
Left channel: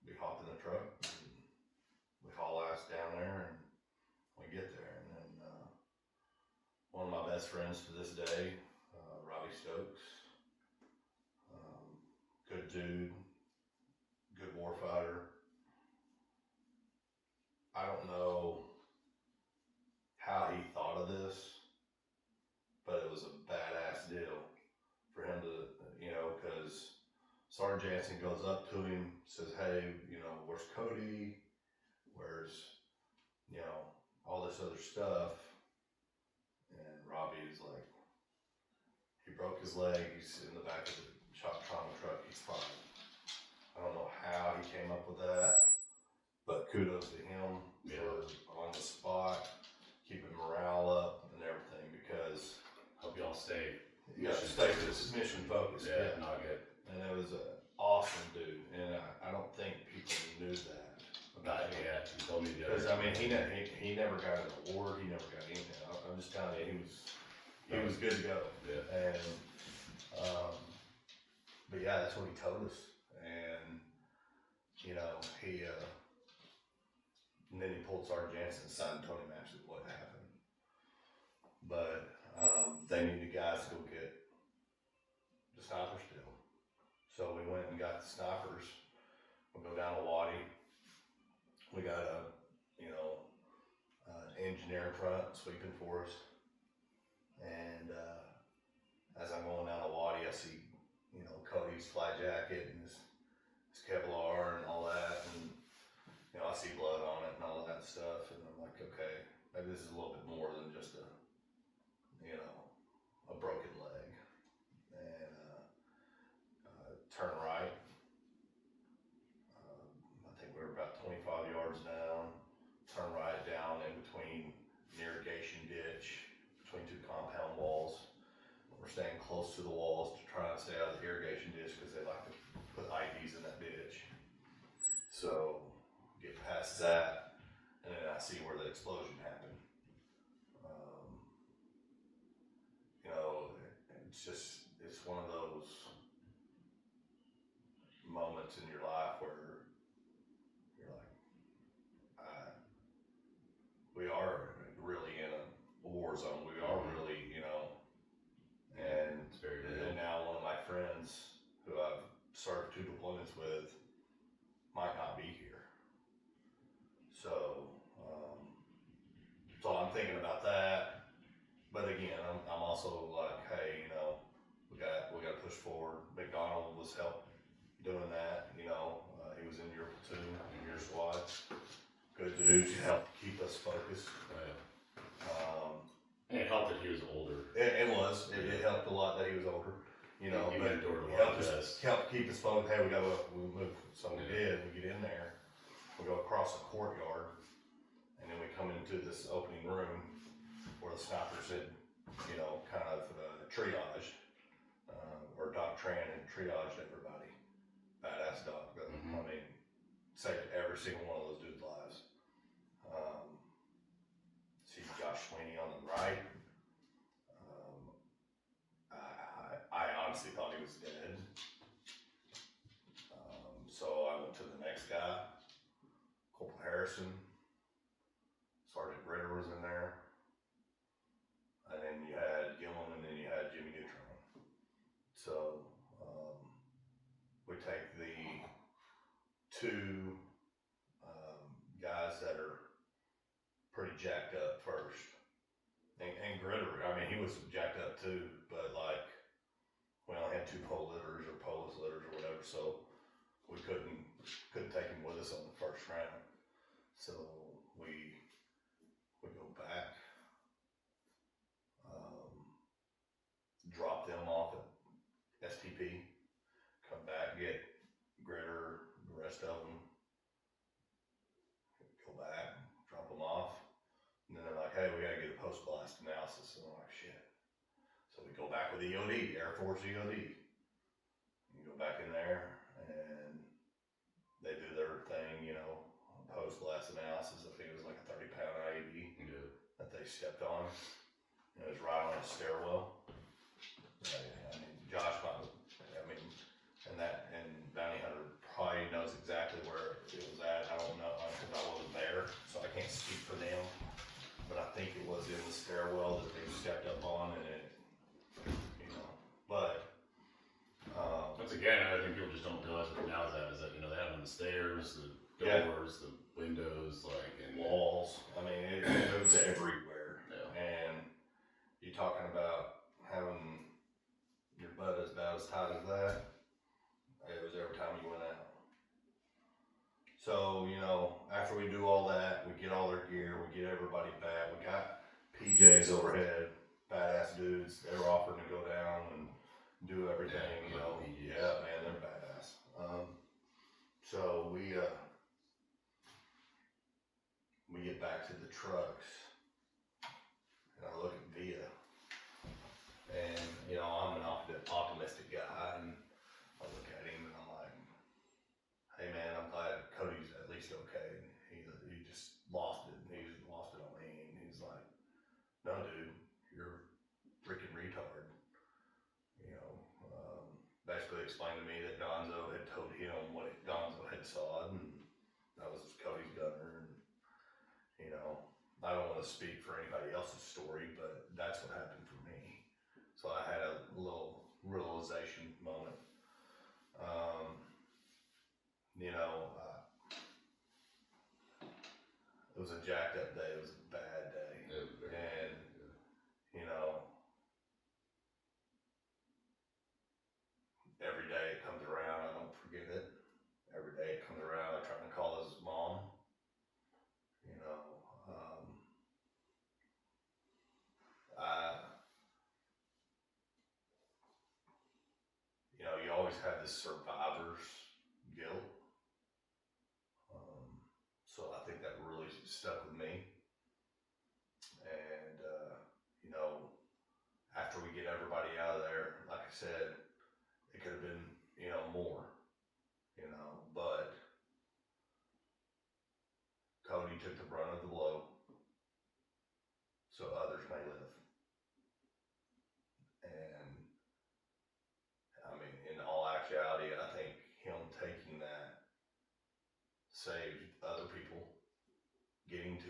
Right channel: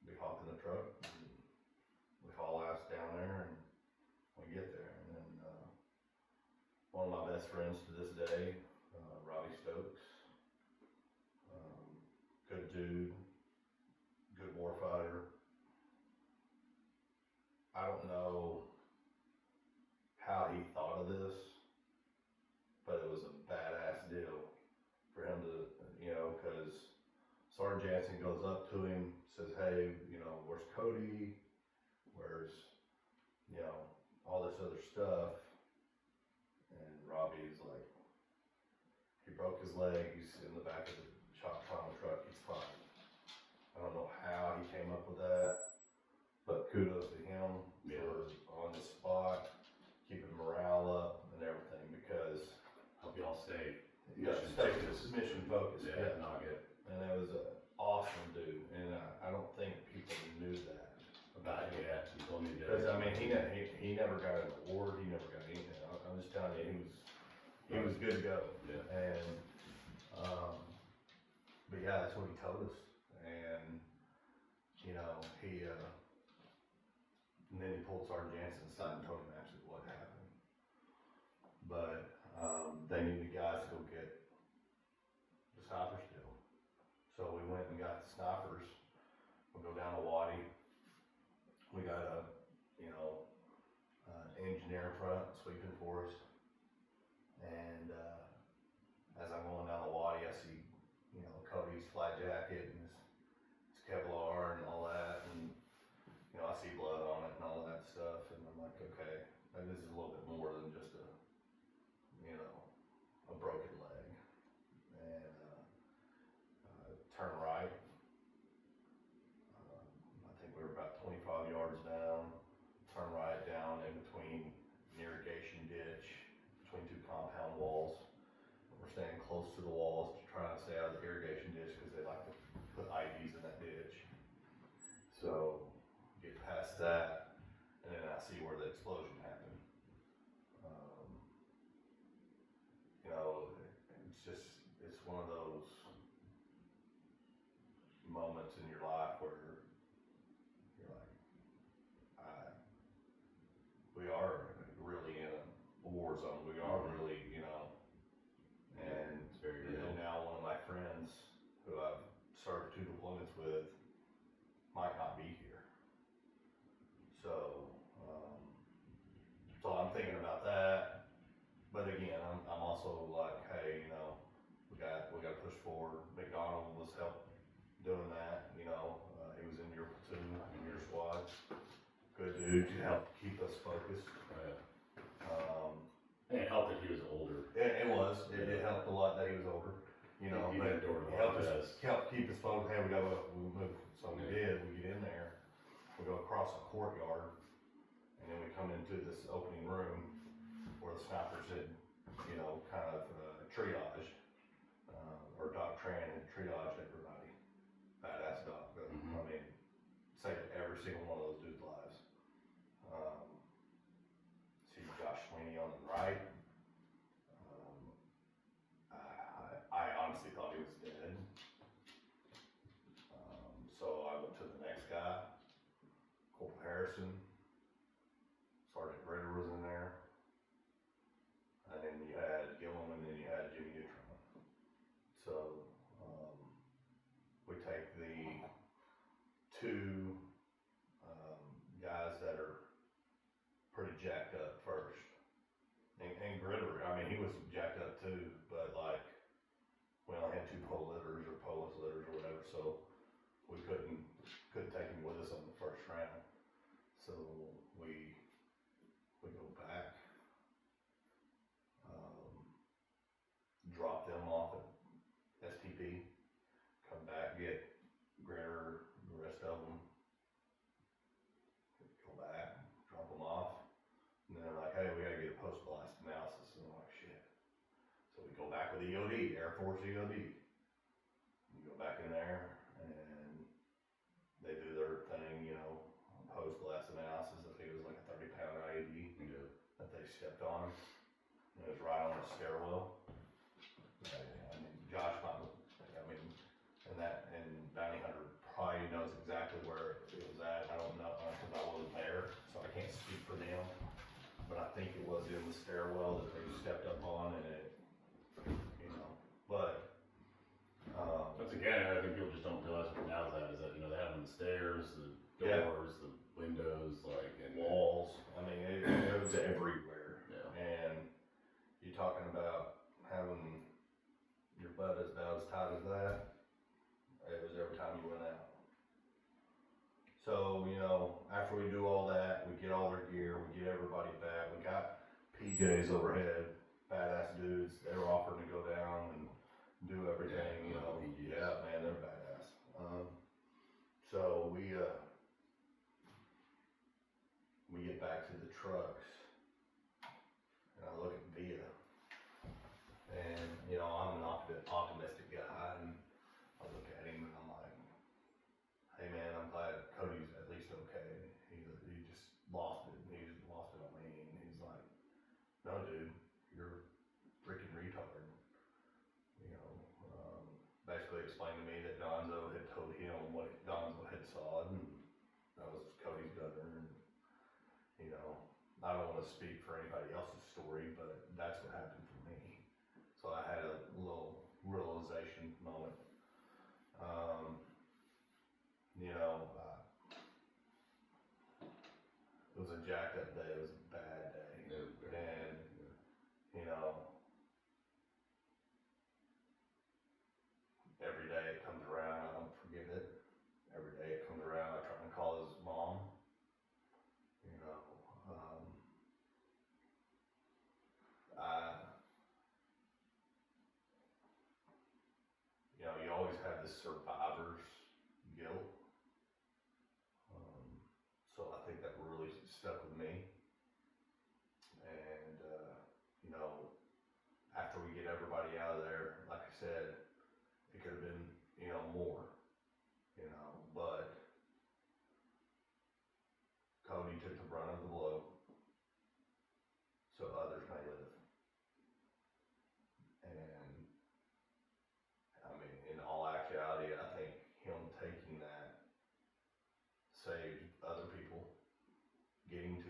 we hopped in the truck, and we haul ass down there, and we get there. And then one of my best friends to this day, Robbie Stokes, good dude, good warfighter. I don't know how he thought of this, but it was a badass deal for him to, because Sergeant Jansen goes up to him, says, hey, where's Cody? Where's, all this other stuff? And Robbie's like, he broke his leg, he's in the back of the shock trauma truck, he's fine. I don't know how he came up with that, but kudos to him for on the spot, keeping morale up and everything, because Hope y'all stay. you got to stay mission focused. Yeah, not good. And it was an awesome dude, and I don't think people knew that about him. Yeah, you told me the Because other he never got an award, he never got anything. I'm just telling you, he was good to go. Yeah. And but yeah, that's what he told us. And he and then he pulled Sergeant Jansen aside and told him actually what happened. But they needed guys to go get the snipers still. So we went and got the snipers. We go down to Waddy. We got a engineer in front sweeping for us. And as I'm going down to Waddy, I see Cody's flight jacket and his Kevlar and all that, and I see blood on it and all that stuff, and I'm like, okay, maybe this is a little bit more than just a broken leg. And turn right. I think we were about 25 yards down. Turn right down in between an irrigation ditch, between two compound walls. We're staying close to the walls to try and stay out of the irrigation ditch because they like to put IEDs in that ditch. So get past that, and then I see where the explosion happened. It's one of those moments in your life where you're like, war zone. We are really, and, It's very real. and now one of my friends who I've served 2 deployments with might not be here. So, so I'm thinking about that. But again, I'm also like, hey, we got to push forward. McDonald was help doing that. He was in your platoon, in your squad. Good dude. You helped keep us focused. And it helped that he was older. It helped a lot that he was older. You but endured a it lot helped of us keep us focused. Hey, we move. So we did. We get in there. We go across the courtyard, and then we come into this opening room where the snipers had, kind of triaged, or Doc Tran had triaged everybody. Badass Doc, but Mm-hmm. I mean, saved every single one of those dudes' lives. See Josh Sweeney on the right. I honestly thought he was dead. So I went to the next guy, Corporal Harrison. Sergeant Ritter was in there. And then you had Gillum, and then you had Jimmy Neutron. So we take the 2 guys that are pretty jacked up first. And Gritter, I mean, he was jacked up too, but like, we only had 2 pole litters or Polis litters or whatever, so we couldn't take him with us on the first round. So we go back, drop them off at STP, come back, get Gritter, the rest of them, go back, drop them off, and then they're like, hey, we gotta get a post-blast analysis, and I'm like, shit. So we go back with EOD, Air Force EOD. You go back in there, and they do their thing, post-blast analysis. I think it was like a 30-pound IED that they stepped on. It was right on the stairwell. I mean, Josh, and Bounty Hunter probably knows exactly where it was at. I don't know, because I wasn't there, so I can't speak for them. But I think it was in the stairwell that they stepped up on, and it, but. Once again, I think people just don't realize what now is that they have on the stairs, the doors, the windows, and walls. I mean, it was everywhere. Yeah. And you're talking about having your butt about as tight as that. It was every time you went out. So, after we do all that, we get all their gear, we get everybody back. We got PJs overhead, badass dudes. They were offering to go down and do everything, Yeah, man, they're badass. So we get back to the trucks, and I look at Via, and I'm an optimistic guy, and I look at him and I'm like, hey man, I'm glad Cody's at least okay. He just lost it. He lost it on me, and he's like, no dude, you're a freaking retard. Basically explained to me that Gonzo had told him what Gonzo had saw, and that was Cody's gunner. And I don't want to speak for anybody else's story, but that's what happened for me. So I had a little realization moment. It was a jacked up day. It was a bad day, and every day it comes around, I don't forget it. Every day it comes around, I try to call his mom. You always have this survivor's guilt. So I think that really stuck with me. And, after we get everybody out of there, like I said, it could have been, more, but Cody took the brunt of the blow so others may live. And I mean, in all actuality, I think him taking that saved other people getting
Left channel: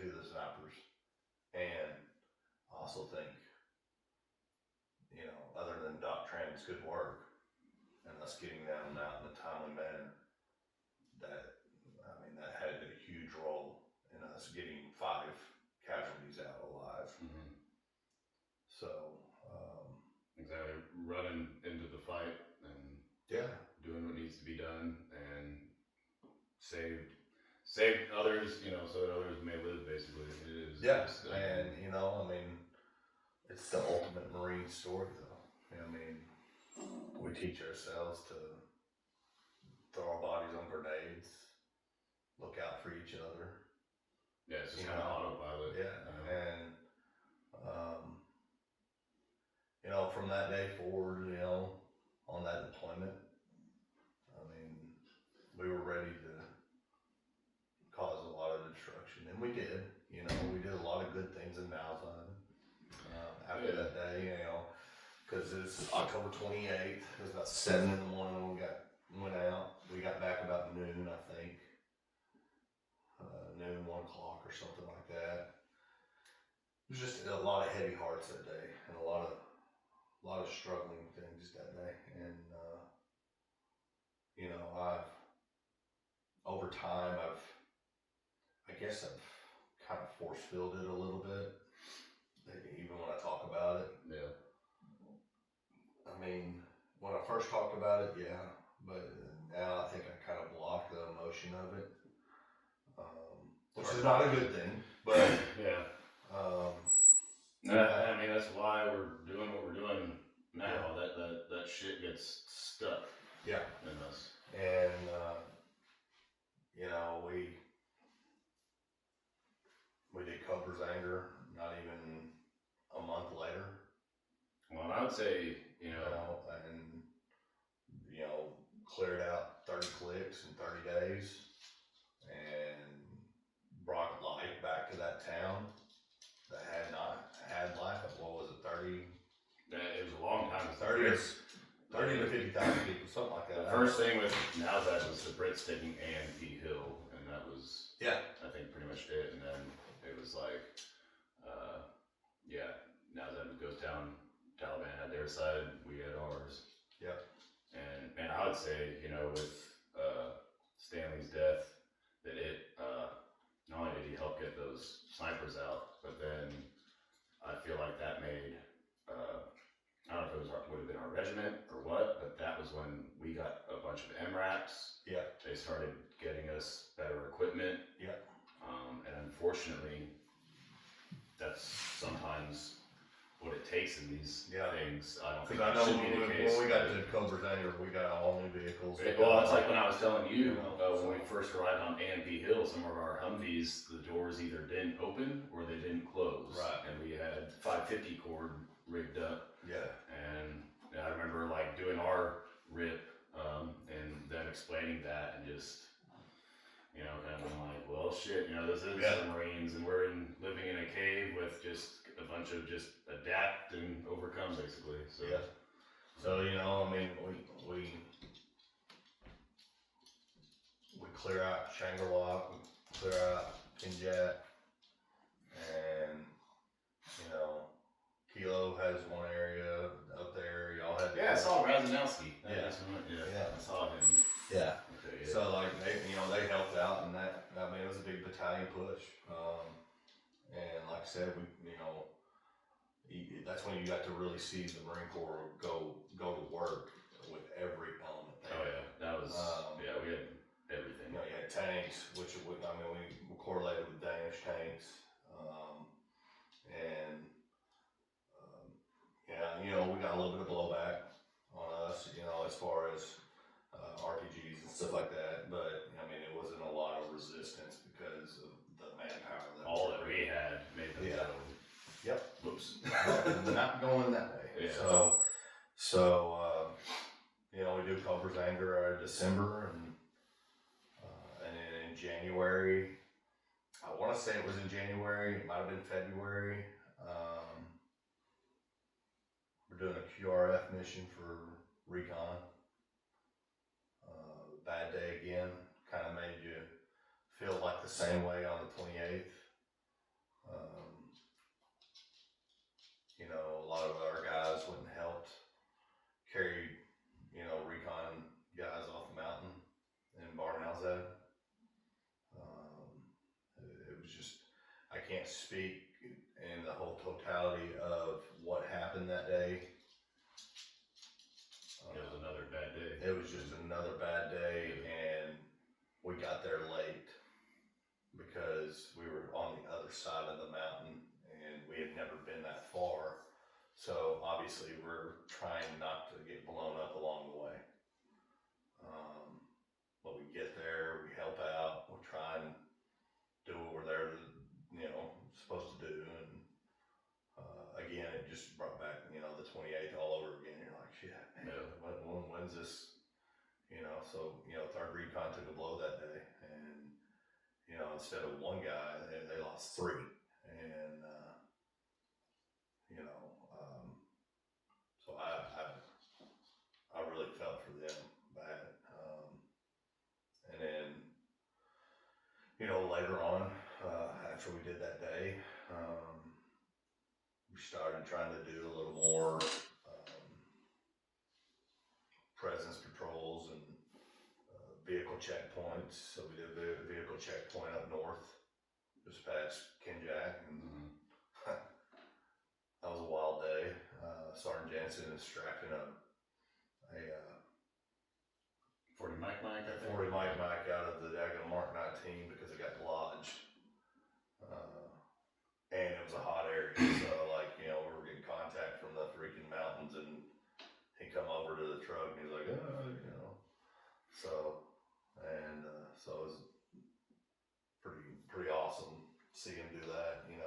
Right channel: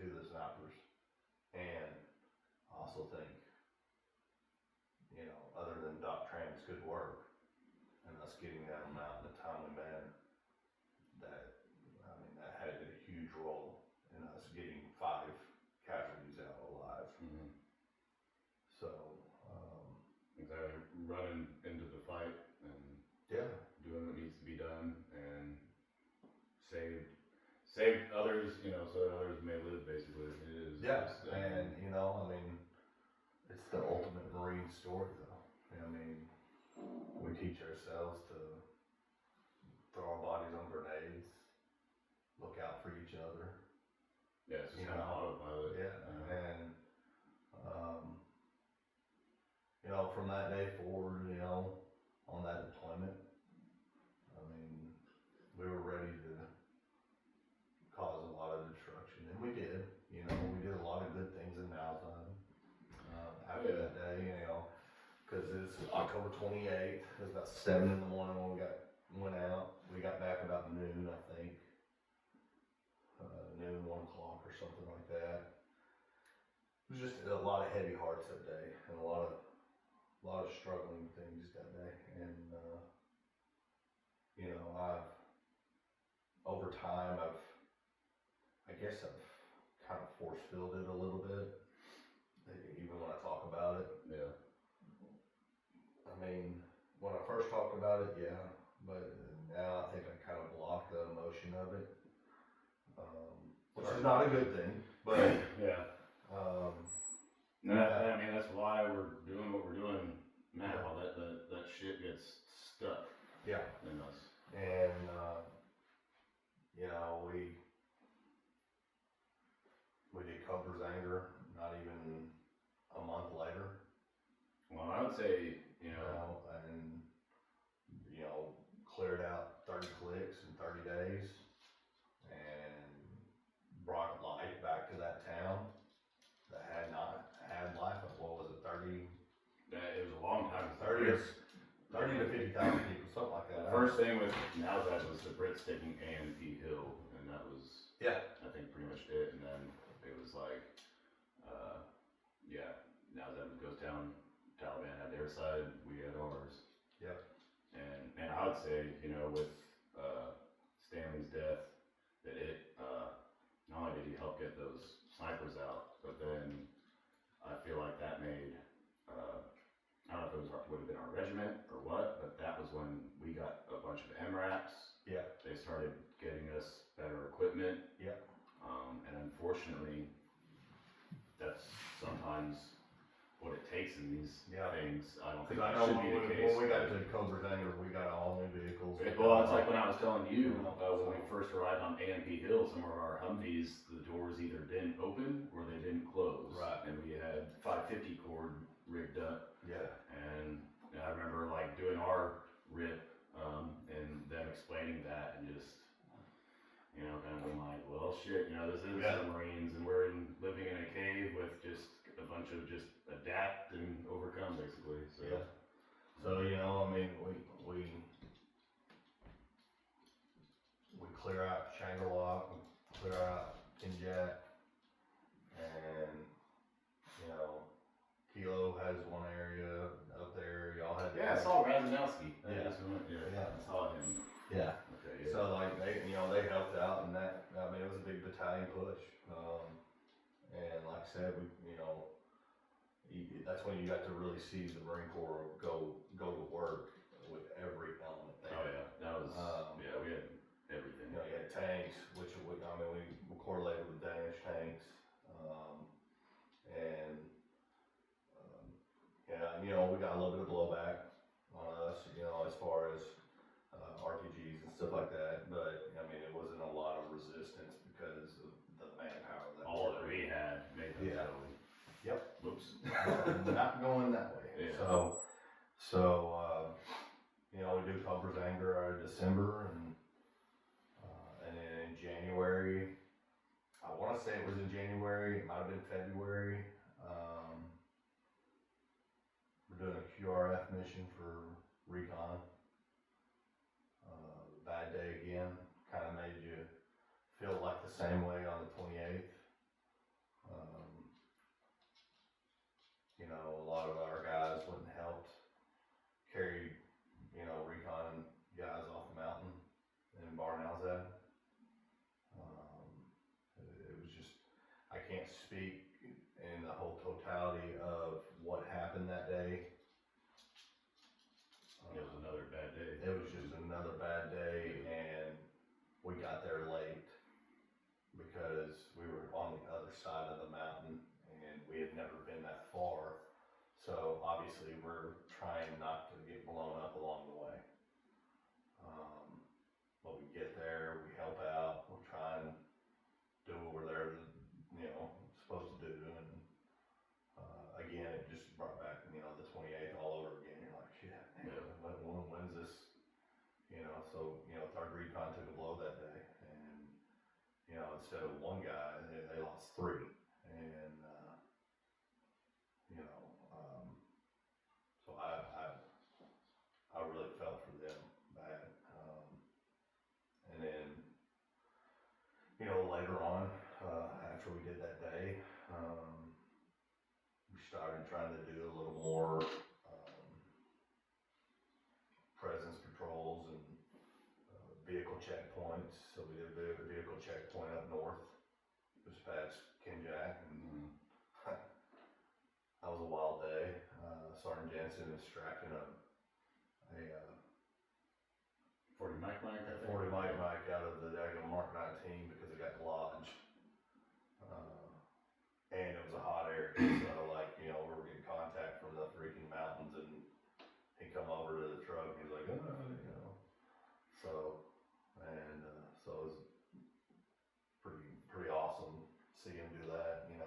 save others, you know, so that others may live. Basically, it is. Yeah, Just, and you know, I mean, it's the ultimate Marine story, though. I mean, we teach ourselves to throw our bodies on grenades, look out for each other. yeah, it's just kind of autopilot. Yeah, you know? and you know, from that day forward, you know, on that deployment, I mean, we were ready to cause a lot of destruction, and we did. You know, we did a lot of good things in Malzahn after that day. You know, because it's October 28th. It was about 7 in the morning when we went out. We got back about noon, I think. Noon, 1 o'clock or something like that. It was just a lot of heavy hearts that day, and a lot of struggling things that day. And you know, over time, I guess I've kind of force-filled it a little bit, even when I talk about it. Yeah. I mean, when I first talked about it, yeah, but now I think I kind of block the emotion of it, which is not a good thing, but yeah. I mean, that's why we're doing what we're doing now. Yeah. That shit gets stuck. Yeah. In us. And you know, we did Cobra's Anger not even a month later. Well, I would say, you know, and you know, cleared out 30 clicks in 30 days and brought life back to that town that had not had life. What was it, 30? It was a long time. 30 to 50,000 people, something like that. The first thing with NASDAQ was the Brits taking A&P Hill, and that was, I think, pretty much it. And then it was like, NASDAQ goes down, Taliban had their side, we had ours. Yep. And I would say, you know, with Stanley's death, that it, not only did he help get those snipers out, but then I feel like that made, I don't know if it would have been our regiment or what, but that was when we got a bunch of MRAPs. Yeah. They started getting us better equipment. Yeah. And unfortunately, that's sometimes what it takes in these things. I don't think that should be the case. When we got to Cobra's Anger, we got all new vehicles. Well, it's like when I was telling you, when we first arrived on A&P Hill, some of our Humvees, the doors either didn't open or they didn't close. Right. And we had 550 cord rigged up. Yeah. And I remember like doing our rip, and them explaining that and just, you know, kind of being like, well, shit, you know, this is the Marines and we're living in a cave with just a bunch of just adapt and overcome, basically. So. Yeah. So, you know, I mean, we clear out Shangri-La, we clear out Kinjat, and, you know, Kilo has one area up there. Y'all had. Yeah, I saw Razanowski. Yeah. I saw him. Yeah. Okay, yeah. So like they helped out, and that, I mean, it was a big battalion push. And like I said, that's when you got to really see the Marine Corps go to work with every element there. Oh yeah, that was we had everything. You know, you had tanks, which we correlated with Danish tanks, and you know, we got a little bit of blowback on us, you know, as far as RPGs and stuff like that, but I mean, it wasn't a lot of resistance because of the manpower that all that we had made them go. Yep. Whoops. Not going that way. Yeah. So you know, we do Cobra's Anger December, and then in January, I want to say it was in January, it might have been February. We're doing a QRF mission for recon. Bad day again, kind of made you feel like the same way on the 28th. You know, a lot of our guys went and helped, carried, you know, recon guys off the mountain in Barnhouse. It was just, I can't speak in the whole totality of what happened that day. It was another bad day. It was just another bad day, and we got there late because we were on the other side of the mountain and we had never been that far. So obviously we're trying not to get blown up along the way. But we get there, we help out, we try and do what we're there to, supposed to do. And again, it just brought back, the 28th all over again. You're like, shit, man, when's this? So, third recon took a blow that day. And, instead of one guy, they lost 3. And, so I really felt for them bad. And then, later on, after we did that day, we started trying to do a little more presence patrols and vehicle checkpoints. So we did a vehicle checkpoint up north, just past Kenjack, and that was a wild day. Sergeant Jensen is strapping a 40 Mike, I think. 40 Mike out of the daggone Mark 19 because it got lodged. And it was a hot area, so we were getting contact from the freaking mountains, and he come over to the truck and he's like, so it was pretty awesome to see him do that, and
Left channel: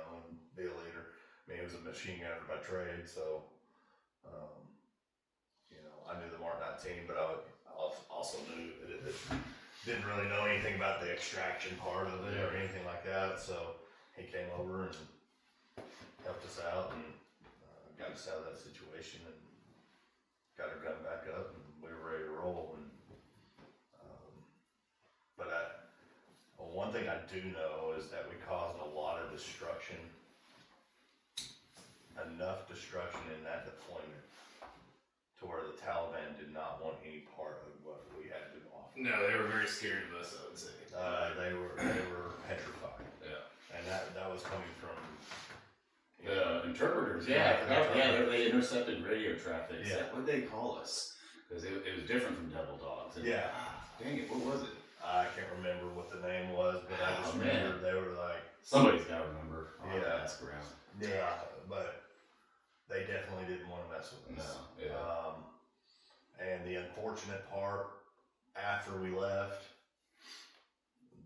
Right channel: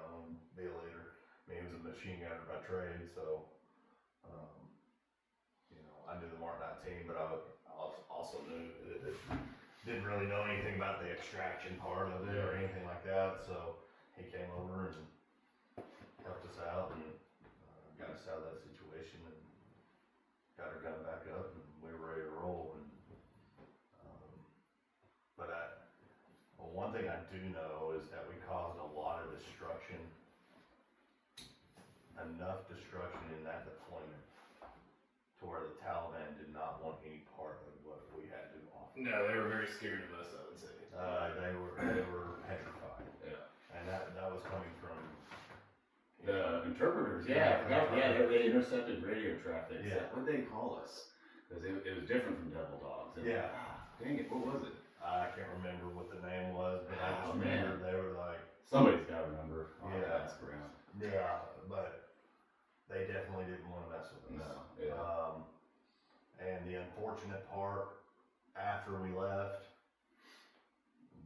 be a leader. I mean, he was a machine gunner by trade, so I knew the Mark 19, but I also knew that didn't really know anything about the extraction part of it or anything like that. So he came over and helped us out and got us out of that situation and got our gun back up, and we were ready to roll. And but one thing I do know is that we caused a lot of destruction, enough destruction in that deployment to where the Taliban did not want any part of what we had to offer. No, they were very scared of us, I would say. They were petrified. Yeah. And that was coming from the interpreters. They intercepted radio traffic. Yeah. What'd they call us? Because it was different from Devil Dogs. And, Yeah. Dang it, what was it? I can't remember what the name was, but I just remember they were like, somebody's got to remember. Yeah. Ask around. Yeah, but they definitely didn't want to mess with us. No. Yeah. And the unfortunate part, after we left,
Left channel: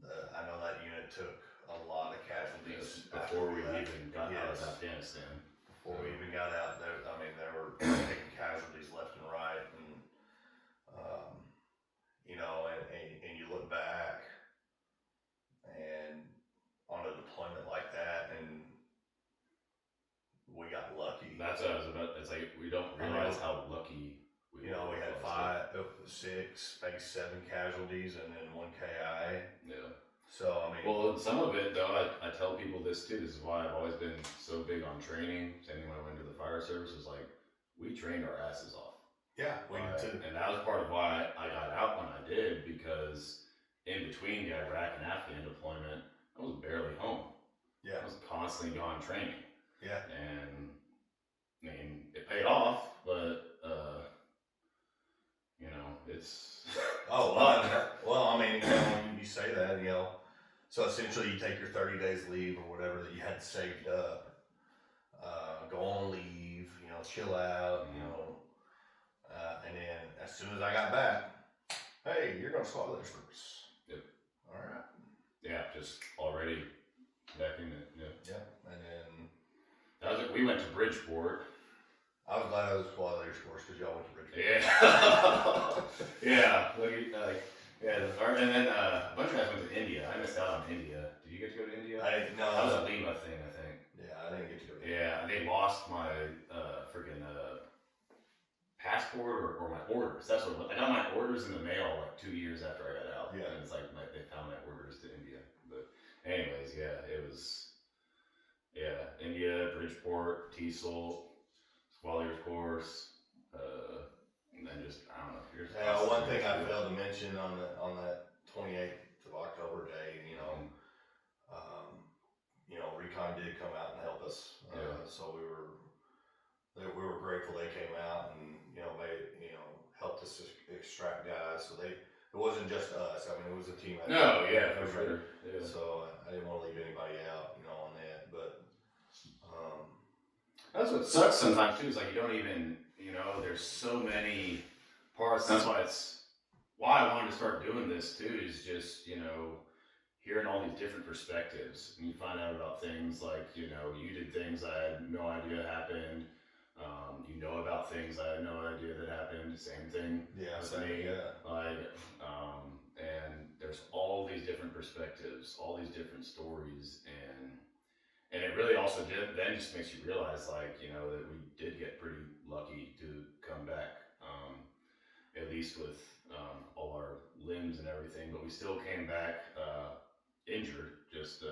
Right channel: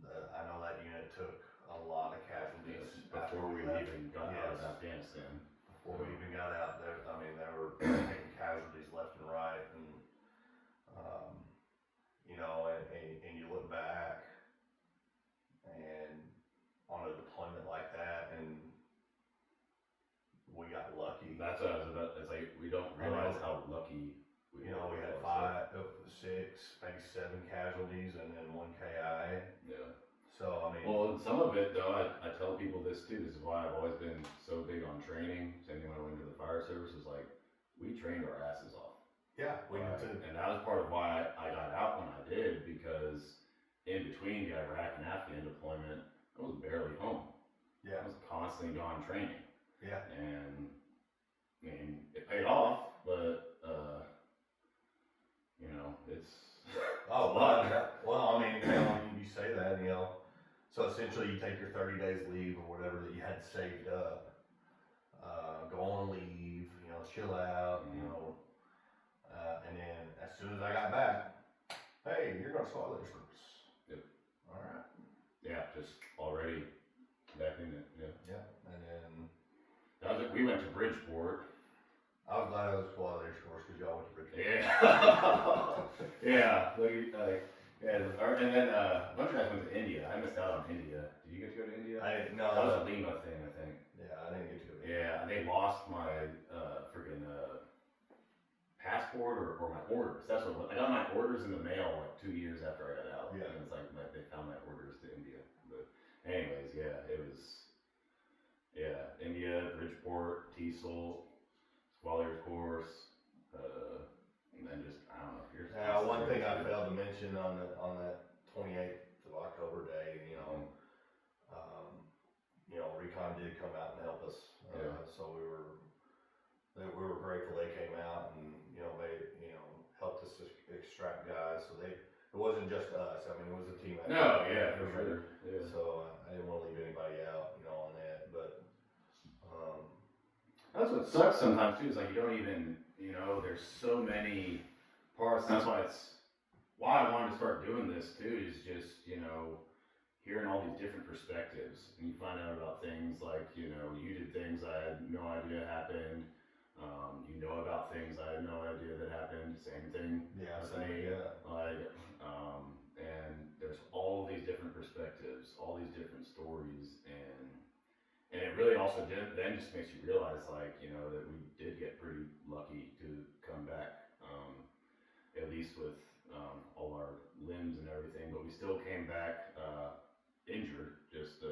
I know that unit took a lot of casualties Before we left. even got out of Afghanistan. Before we even got out, they were taking casualties left and right, and and you look back and on a deployment like that, and we got lucky. That's what I was about. It's like we don't realize how lucky we were. We had 5, 6, maybe 7 casualties, and then 1 KI. Yeah. So I mean, well, some of it though, I tell people this too. This is why I've always been so big on training. Same thing when I went into the fire service, is like we trained our asses off. Yeah, we did too. And that was part of why I got out when I did, because in between the Iraq and Afghan deployment, I was barely home. Yeah. I was constantly gone training. Yeah. And I mean, it paid off, but it's well, I mean, when you say that, so essentially you take your 30 days leave or whatever that you had saved up, go on leave, chill out, and then as soon as I got back, hey, you're going to squad leader service. Yep. All right. Yeah, just already back in it. Yeah. Yeah, and then that was it. We went to Bridgeport. I was glad I was squad leader course because y'all went to Bridgeport. Yeah. And then a bunch of guys went to India. I missed out on India. Did you get to go to India? No. That was a Lima thing, I think. Yeah, I didn't get to go to India. Yeah, they lost my freaking passport or my orders. That's what I got my orders in the mail like 2 years after I got out. Yeah. And it's like they found my orders to India. But anyways, yeah, it was India, Bridgeport, TESOL, Squallier course, and then just I don't know. One thing I failed to mention on that 28th of October day, Recon did come out and help us. So we were grateful they came out and they helped us extract guys. So it wasn't just us. I mean, it was a team effort. No, yeah, for sure. Yeah. So I didn't want to leave anybody out, you know, on that. But that's what sucks sometimes too. Is like you don't even, you know, there's so many parts. That's why I wanted to start doing this too. Is just, you know, hearing all these different perspectives, and you find out about things like, you know, you did things I had no idea happened. You know about things I had no idea that happened. Same thing with me. Like, and there's all these different perspectives, all these different stories, and it really also then just makes you realize, like, you know, that we did get pretty lucky to come back, at least with all our limbs and everything, but we still came back injured, just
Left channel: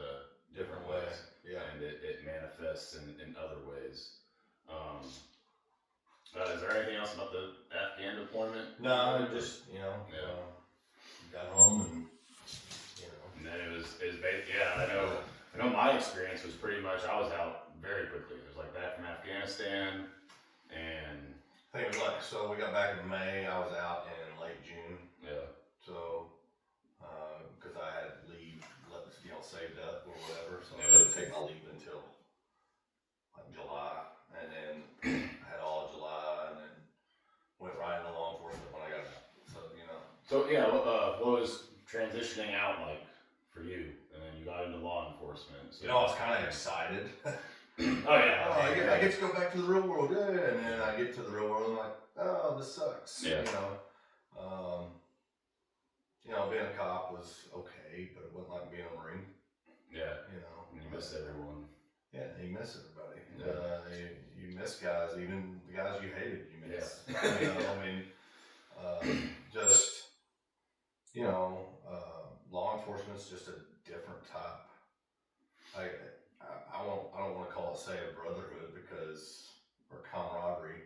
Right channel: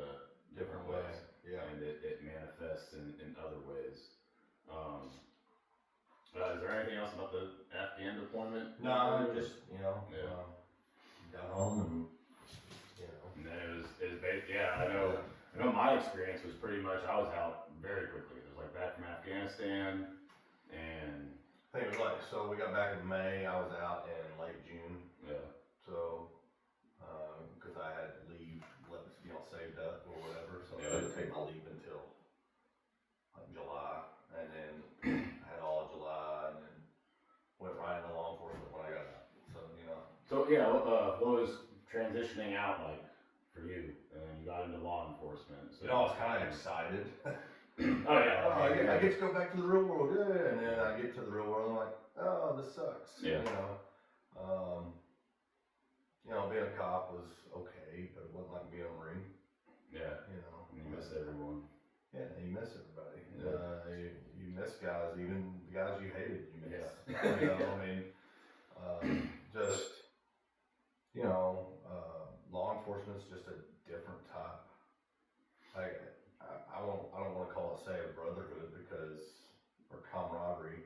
different ways. Yeah. And it manifests in other ways. Is there anything else about the Afghan deployment? No, just, you know, got home and, you know. And then it was I know my experience was pretty much, I was out very quickly. It was like back from Afghanistan, and I think it was like, so we got back in May, I was out in late June. yeah. So, because I had leave, you know, saved up or whatever, so I didn't take my leave until like July, and then I had all July, and then went right into law enforcement when I got out. So, you know. So yeah, what was transitioning out like for you? And then you got into law enforcement. So You know, I was kind of excited. Oh yeah. I get to go back to the real world, yeah. And then I get to the real world, and I'm like, oh, this sucks. Yeah. You know, being a cop was okay, but it wasn't like being a Marine. Yeah. You know, And you miss everyone. Yeah, you miss everybody. Yeah. You miss guys, even the guys you hated. You miss. Yeah. You know, I mean, just you know, law enforcement's just a different type. I don't want to call it, say, a brotherhood or camaraderie.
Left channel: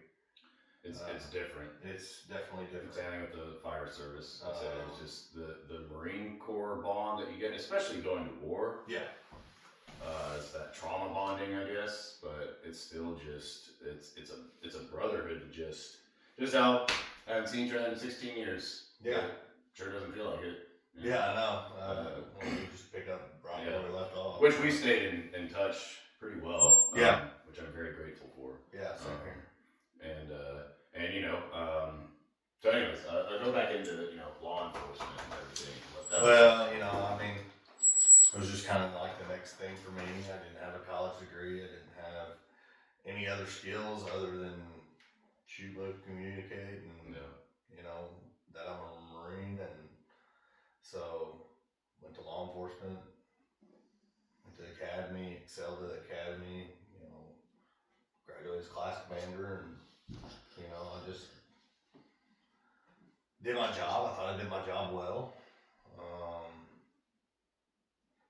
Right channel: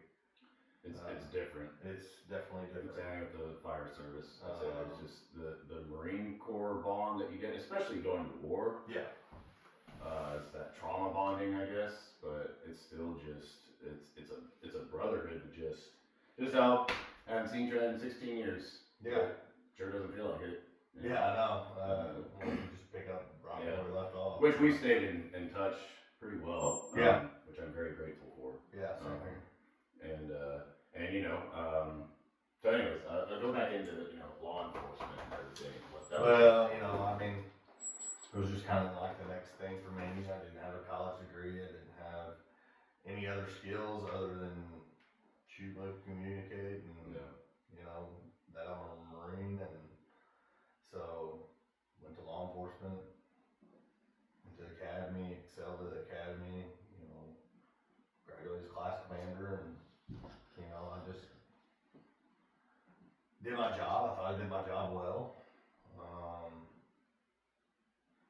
It's different. It's definitely different. Same with the fire service. I'd say it's just the Marine Corps bond that you get, especially going to war. Yeah. It's that trauma bonding, I guess, but it's still just it's a brotherhood that just out. I haven't seen you in 16 years. Yeah. Sure doesn't feel like it. Yeah, I know. We just pick up right where we left off. Which we stayed in touch pretty well. Yeah. Which I'm very grateful for. Yeah, same here. And you know, so anyways, I'll go back into the, you know, law enforcement and everything. Well, you know, I mean, it was just kind of like the next thing for me. I didn't have a college degree. I didn't have any other skills other than shoot, look, communicate, and you know that I'm a Marine, and so went to law enforcement, went to the academy, excelled at the academy. You know, graduated as class commander, and you know, I just did my job. I thought I did my job well.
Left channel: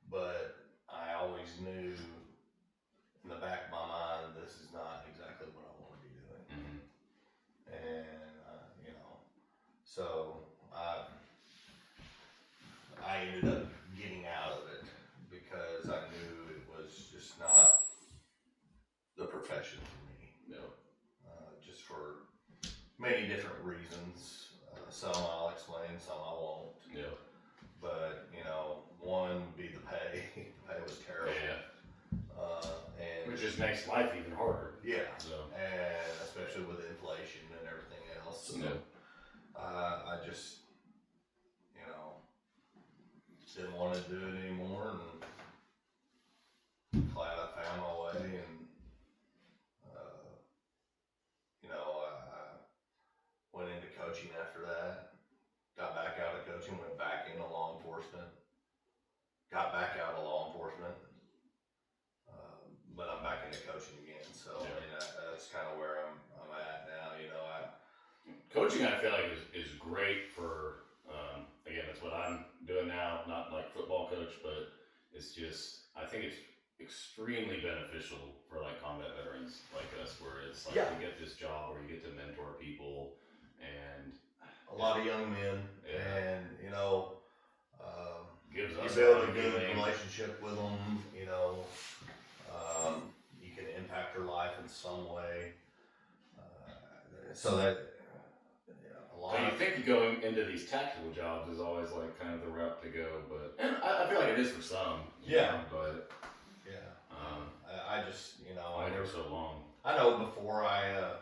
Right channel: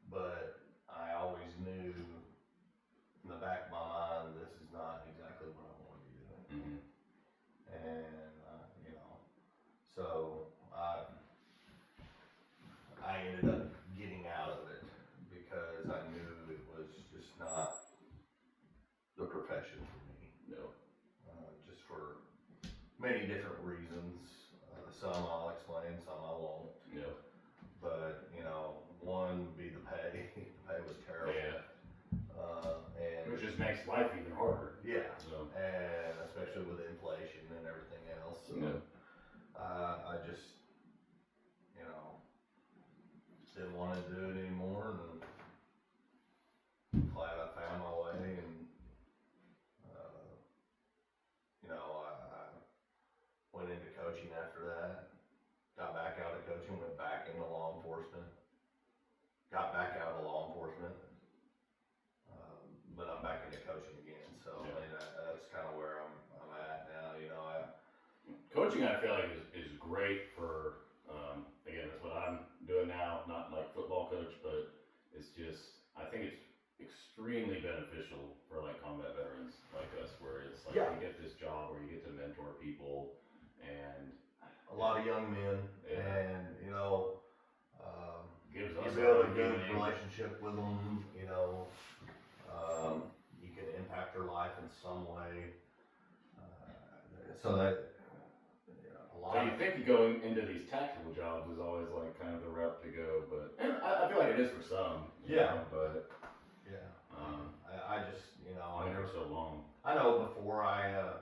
But I always knew in the back of my mind, this is not exactly what I want to be doing. Mm-hmm. And, you know, so I ended up getting out of it because I knew it was just not the profession for me. No. Just for many different reasons. Some I'll explain, some I won't. Yeah. But, you know, one would be the pay. The pay was terrible. Yeah. And Which just makes life even harder. Yeah. So. And especially with inflation and everything else. So, I just, you know, didn't want to do it anymore, and glad I found my way. And, you know, I went into coaching after that. Got back out of coaching, went back into law enforcement. Got back out of law enforcement, but I'm back into coaching again. So I mean, that's kind of where I'm at now. You know, coaching, I feel like is great for. Again, that's what I'm doing now. Not like football coach, but it's just, I think it's extremely beneficial for like combat veterans like us, where it's like you get this job where you get to mentor people and a lot of young men, and you know. Gives you us build a good relationship with them, you know, you can impact their life in some way. So that a So you think going into these tactical jobs is always like kind of the route to go, but and I feel like it is for some. Yeah. But yeah. I just, you know, only for so long. I know before I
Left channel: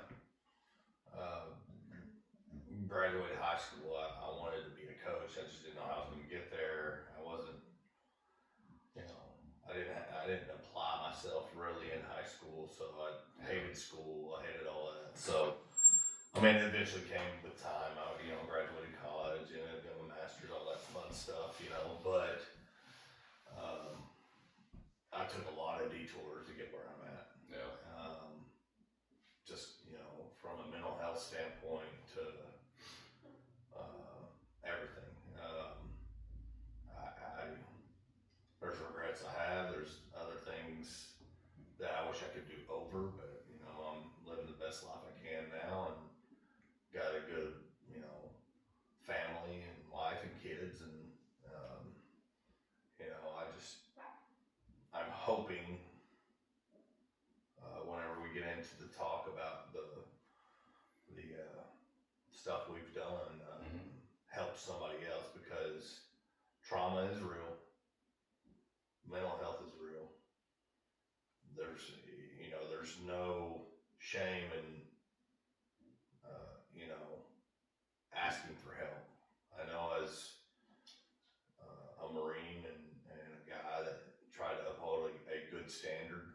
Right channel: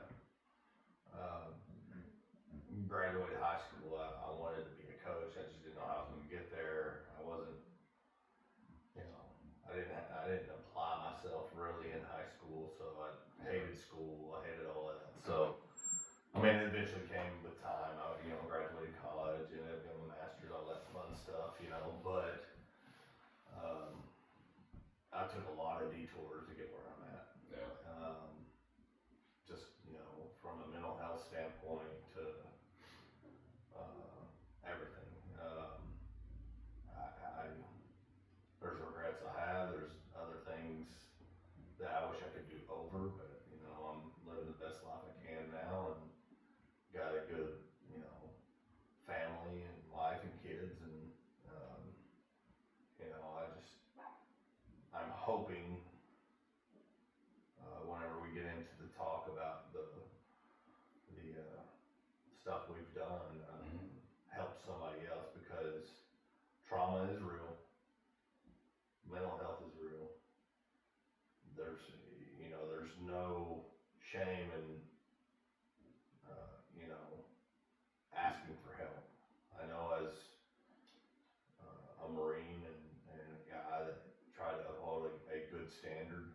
graduated high school, I wanted to be a coach. I just didn't know how I was going to get there. I wasn't, you know, I didn't apply myself really in high school, so I hated school. I hated all that. So, I mean, it eventually came with time. I, you know, graduated college, ended up getting my master's, all that fun stuff, you know. But I took a lot of detours to get where I'm at. Yeah. Just, you know, from a mental health standpoint to everything. There's regrets I have. There's other things that I wish I could do over, but you know, I'm living the best life I can now, and got a good, you know, family and wife and kids, and you know, I'm hoping whenever we get into the talk about the stuff we've done, help somebody else, because trauma is real. Mental health is real. There's no shame in, you know, asking for help. I know as a Marine and a guy that tried to uphold a good standard,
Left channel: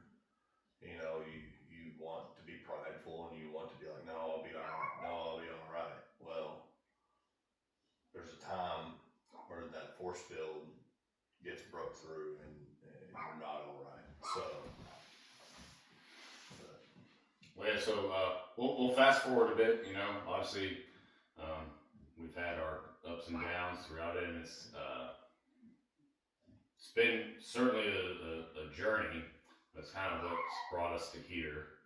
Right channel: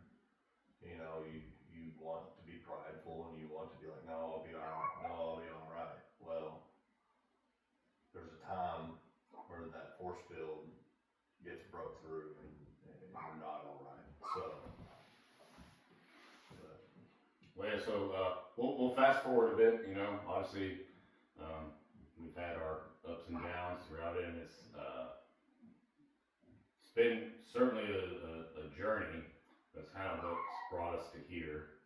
you know, you want to be prideful and you want to be like, no, I'll be all right. No, I'll be all right. Well, there's a time where that force field gets broke through and you're not all right. So, well, yeah, so we'll fast forward a bit. You know, obviously, we've had our ups and downs throughout it, and it's been certainly a journey. That's kind of what's brought us to here.